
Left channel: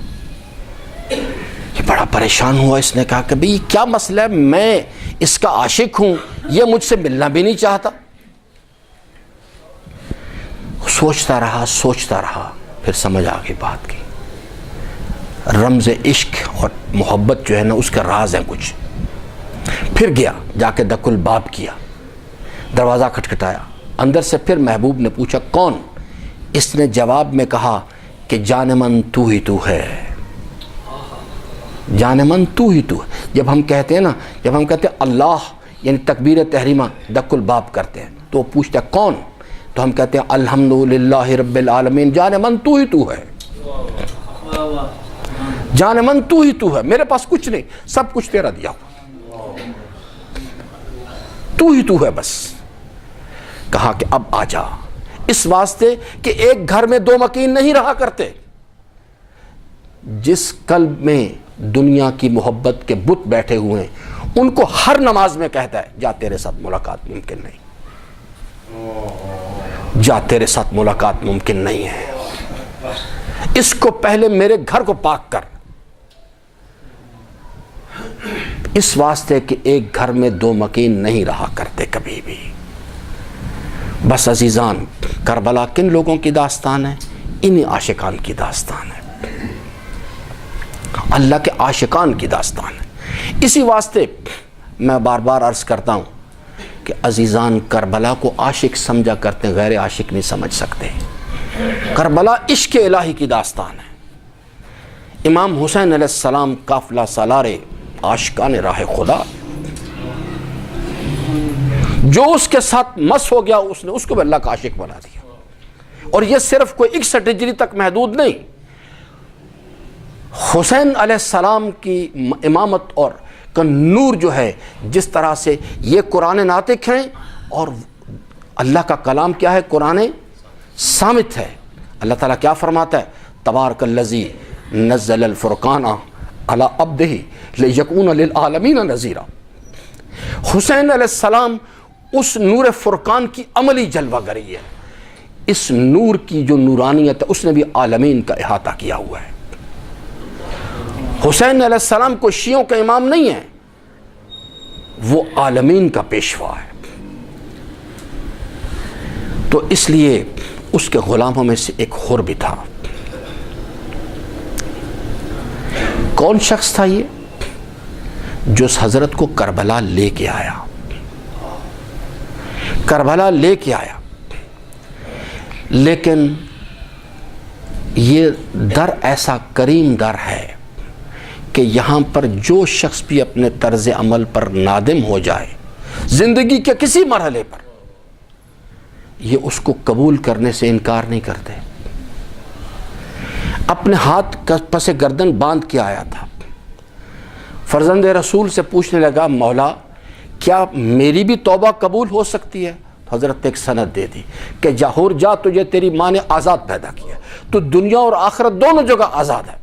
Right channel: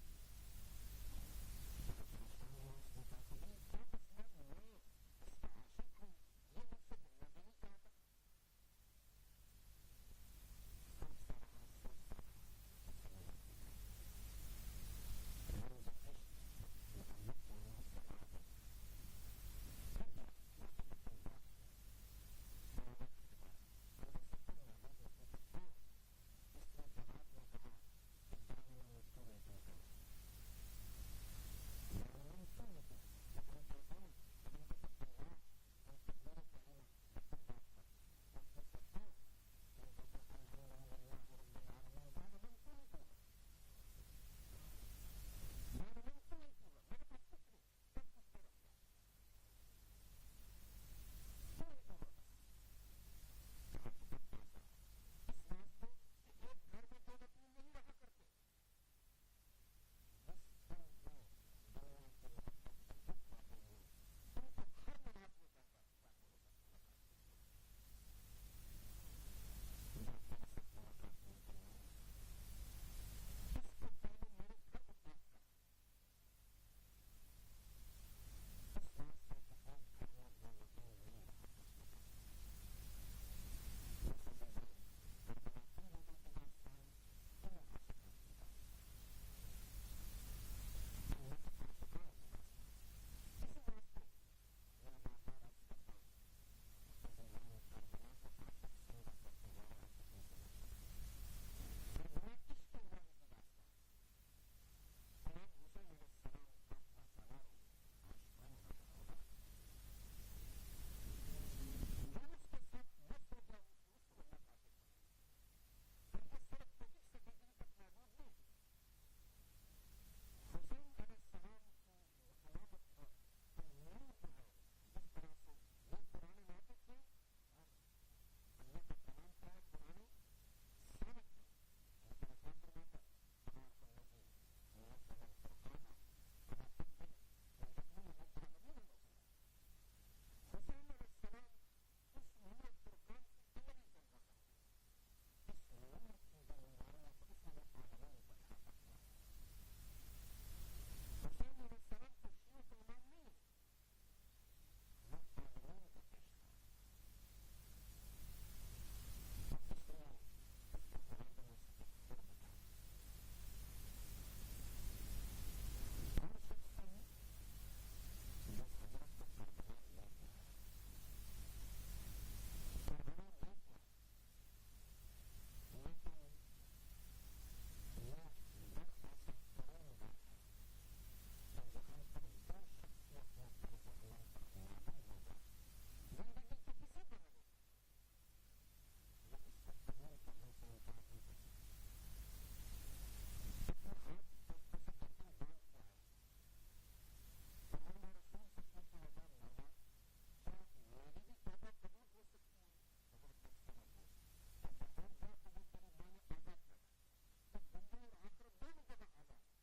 یہ بڑا پریشان ہوا، اس نے کہا کہ بھئی کیا مسئلہ ہے، میں اس کا عاشق ہوں، یہ مجھ سے ملنا بھی نہیں چاہتا۔ سوچتا رہا، پھر سمجھ آ گئی بات کی، رمز عشق اور محبت جو ہے نا اس کا راز ہے کچھ۔ پھر گیا، جا کے دق الباب کیا، دروازہ کھٹکھٹایا، اندر سے پھر محبوب نے پوچھا کون؟ اس نے جواب میں کہا کہ جان من تو ہی تو ہے، جان من تو ہی تو ہے۔ جب ہم کہتے ہیں اللہ یعنی تکبیر تحریمہ دق الباب کرتے ہیں تو وہ پوچھتا ہے کون؟ تو ہم کہتے ہیں الحمدللہ رب العالمین، جان من تو ہی تو ہے، جان من تو ہی تو ہے، میرے پاس کچھ نہیں، سب کچھ تیرا دیا ہوا، تو ہی تو ہے بس۔ کہا کہ اب آ جا، اس واسطے کہ ایک گھر میں دو مکین نہیں رہا کرتے۔ جس قلب میں دنیا کی محبت کے بت بیٹھے ہوئے ہیں ان کو ہر نماز میں کہتا ہے جا تیرے ساتھ ملاقات ممکن نہیں، جا تیرے ساتھ ملاقات ممکن نہیں ہے، اس کو پہلے میرے گھر کو پاک کر۔ اس واسطے کہ ایک گھر میں دو مکین نہیں رہا کرتے کبھی بھی۔ بس عزیزان، کربلا کن لوگوں کی داستان ہے؟ انہی عاشقان کی داستان ہے، اللہ کے عاشقان کی داستان ہے۔ اسی واسطے میں بار بار عرض کرتا ہوں کہ عزیزان کربلا کو عاشق سمجھا کرتے ہیں، غیر عاشق نہیں سمجھ سکتے۔ کربلا عشق الہی کی داستان ہے۔ امام حسین علیہ السلام قافلہ سالارے عاشقان راہ خدا، جو اس کے ساتھ مس ہو گیا اس نے اس کو بھی اللہ کا عاشق بنا دیا۔ اور یہ صرف کوئی 61 ہجری تک محدود نہیں، حسین علیہ السلام کی امامت اور کا نور جو ہے، جس طرح سے یہ قرآن ناطق ہیں اور اللہ کا کلام کیا ہے؟ قرآن صامت ہے۔ اللہ تعالیٰ کیا فرماتا ہے؟ تبارک الذی نزل الفرقان علی عبدہ لیکون للعالمین نذیرا۔ حسین علیہ السلام اس نور فرقان کی عملی جلوہ گری ہے۔ اس نور کی جو نورانیت ہے اس نے بھی عالمین کا احاطہ کیا ہوا ہے۔ حسین علیہ السلام کو شیعوں کا امام نہیں ہے، وہ عالمین کا پیشوا ہے۔ تو اس لیے اس کے غلاموں میں سے ایک حر بھی تھا۔ کون شخص تھا یہ؟ جو اس حضرت کو کربلا لے کے آیا، کربلا لے کے آیا۔ لیکن یہ در ایسا کریم در ہے کہ یہاں پر جو شخص بھی اپنے طرز عمل پر نادم ہو جائے زندگی کے کسی مرحلے پر، یہ اس کو قبول کرنے سے انکار نہیں کرتے۔ اپنے ہاتھ پس گردن باندھ کے آیا تھا، فرزند رسول سے پوچھنے لگا مولا کیا میری بھی توبہ قبول ہو سکتی ہے؟ حضرت نے ایک سند دے دی کہ جاہور جا، تجھے تیری ماں نے آزاد پیدا کیا، تو دنیا اور آخرت دونوں جگہ آزاد ہے۔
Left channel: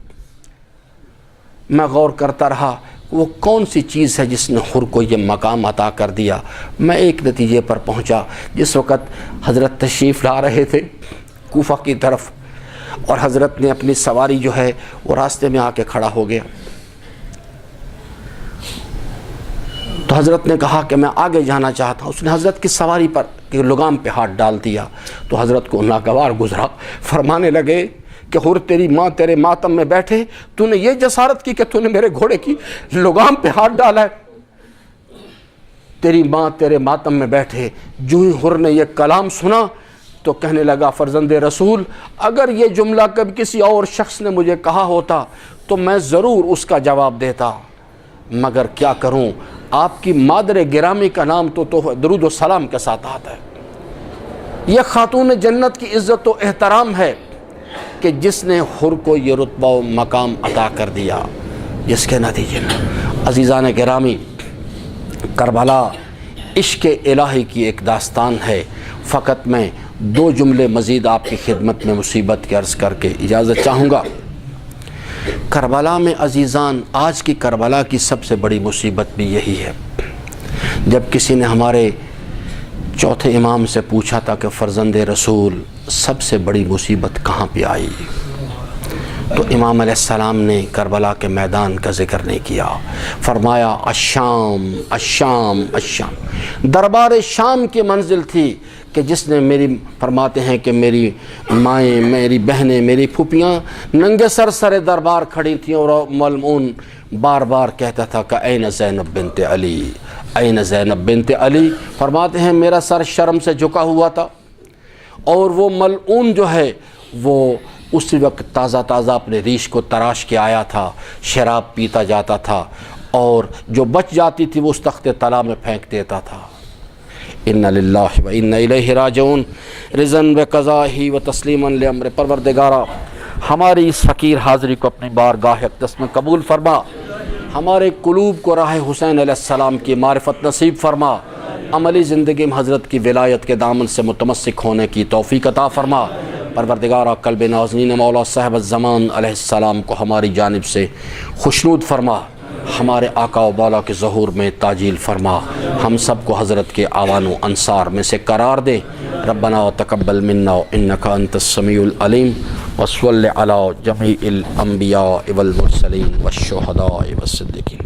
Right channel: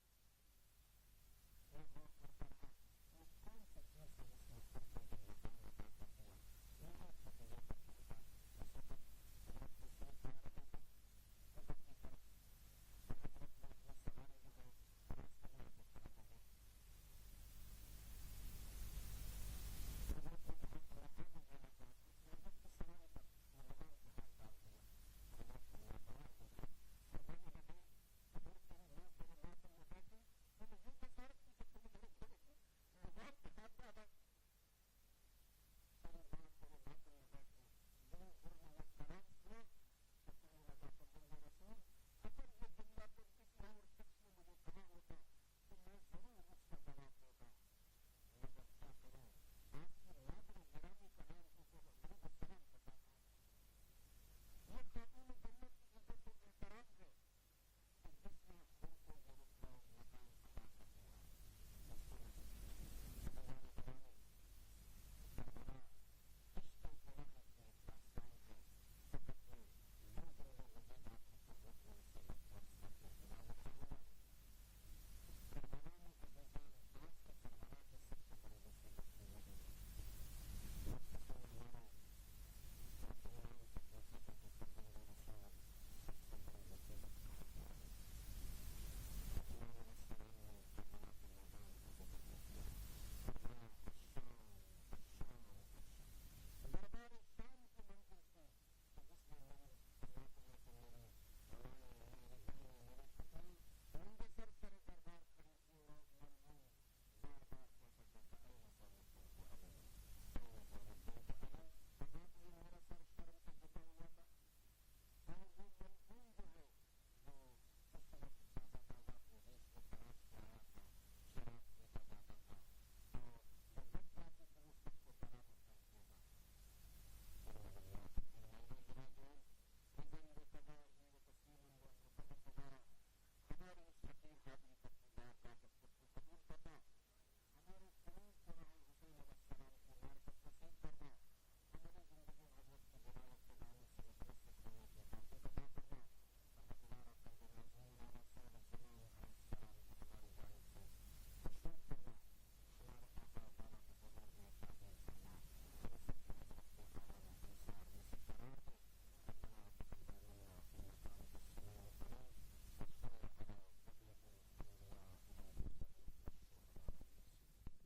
میں غور کرتا رہا وہ کون سی چیز ہے جس نے حر کو یہ مقام عطا کر دیا۔ میں ایک نتیجے پر پہنچا، جس وقت حضرت تشریف لا رہے تھے کوفہ کی طرف اور حضرت نے اپنی سواری جو ہے وہ راستے میں آ کے کھڑا ہو گیا، تو حضرت نے کہا کہ میں آگے جانا چاہتا ہوں۔ اس نے حضرت کی سواری پر لگام پہ ہاتھ ڈال دیا تو حضرت کو ناگوار گزرا، فرمانے لگے کہ حر تیری ماں تیرے ماتم میں بیٹھے، تو نے یہ جسارت کی کہ تو نے میرے گھوڑے کی لگام پہ ہاتھ ڈالا ہے، تیری ماں تیرے ماتم میں بیٹھے۔ جو ہی حر نے یہ کلام سنا تو کہنے لگا فرزند رسول اگر یہ جملہ کبھی کسی اور شخص نے مجھے کہا ہوتا تو میں ضرور اس کا جواب دیتا، مگر کیا کروں، آپ کی مادر گرامی کا نام تو درود و سلام کے ساتھ آتا ہے۔ یہ خاتون جنت کی عزت و احترام ہے کہ جس نے حر کو یہ رتبہ و مقام عطا کر دیا، جس کے نتیجے میں عزیزان گرامی کربلا عشق الہی کی ایک داستان ہے۔ فقط میں 2 جملے مزید آپ کی خدمت میں مصیبت کی عرض کر کے اجازت چاہوں گا۔ کربلا میں عزیزان آج کی کربلا کی سب سے بڑی مصیبت بھی یہی ہے۔ جب کسی نے ہمارے چوتھے امام سے پوچھا تھا کہ فرزند رسول سب سے بڑی مصیبت کہاں پہ آئی، تو امام علیہ السلام نے کربلا کے میدان کا ذکر نہیں کیا، فرمایا الشام الشام الشام، دربار شام کی منزل تھی کہ جس نے فرماتے ہیں کہ میری مائیں، میری بہنیں، میری پھوپھیاں ننگے سر دربار کھڑی تھیں اور ملعون بار بار کہتا تھا کہ این زینب بنت علی، این زینب بنت علی، فرماتے ہیں میرا سر شرم سے جھکا ہوا تھا، اور وہ ملعون جو ہے وہ اسی وقت تازہ اپنے ریش کو تراش کے آیا تھا، شراب پیتا جاتا تھا، اور جو بچ جاتی تھی وہ اس تخت طلا میں پھینک دیتا تھا۔ اِنَّ لِلَّهِ وَإِنَّ إِلَيْهِ راجعون، رضاً بقضائہ و تسلیماً لامر پروردگارا، ہماری اس فقیر حاضری کو اپنی بارگاہ اقدس میں قبول فرما، ہمارے قلوب کو راہ حسین علیہ السلام کی معرفت نصیب فرما، عملی زندگی میں حضرت کی ولایت کے دامن سے متمسک ہونے کی توفیق عطا فرما۔ پروردگارہ قلب نازنین مولا صاحب الزمان علیہ السلام کو ہماری جانب سے خوشنود فرما، ہمارے آقا و بالا کے ظہور میں تاجیل فرما، ہم سب کو حضرت کے آوان و انصار میں سے قرار دے۔ ربنا تقبل منا انک انت السمیع العلیم، وصلی علی جمیع الانبیاء والمرسلین والشہداء والصدیقین۔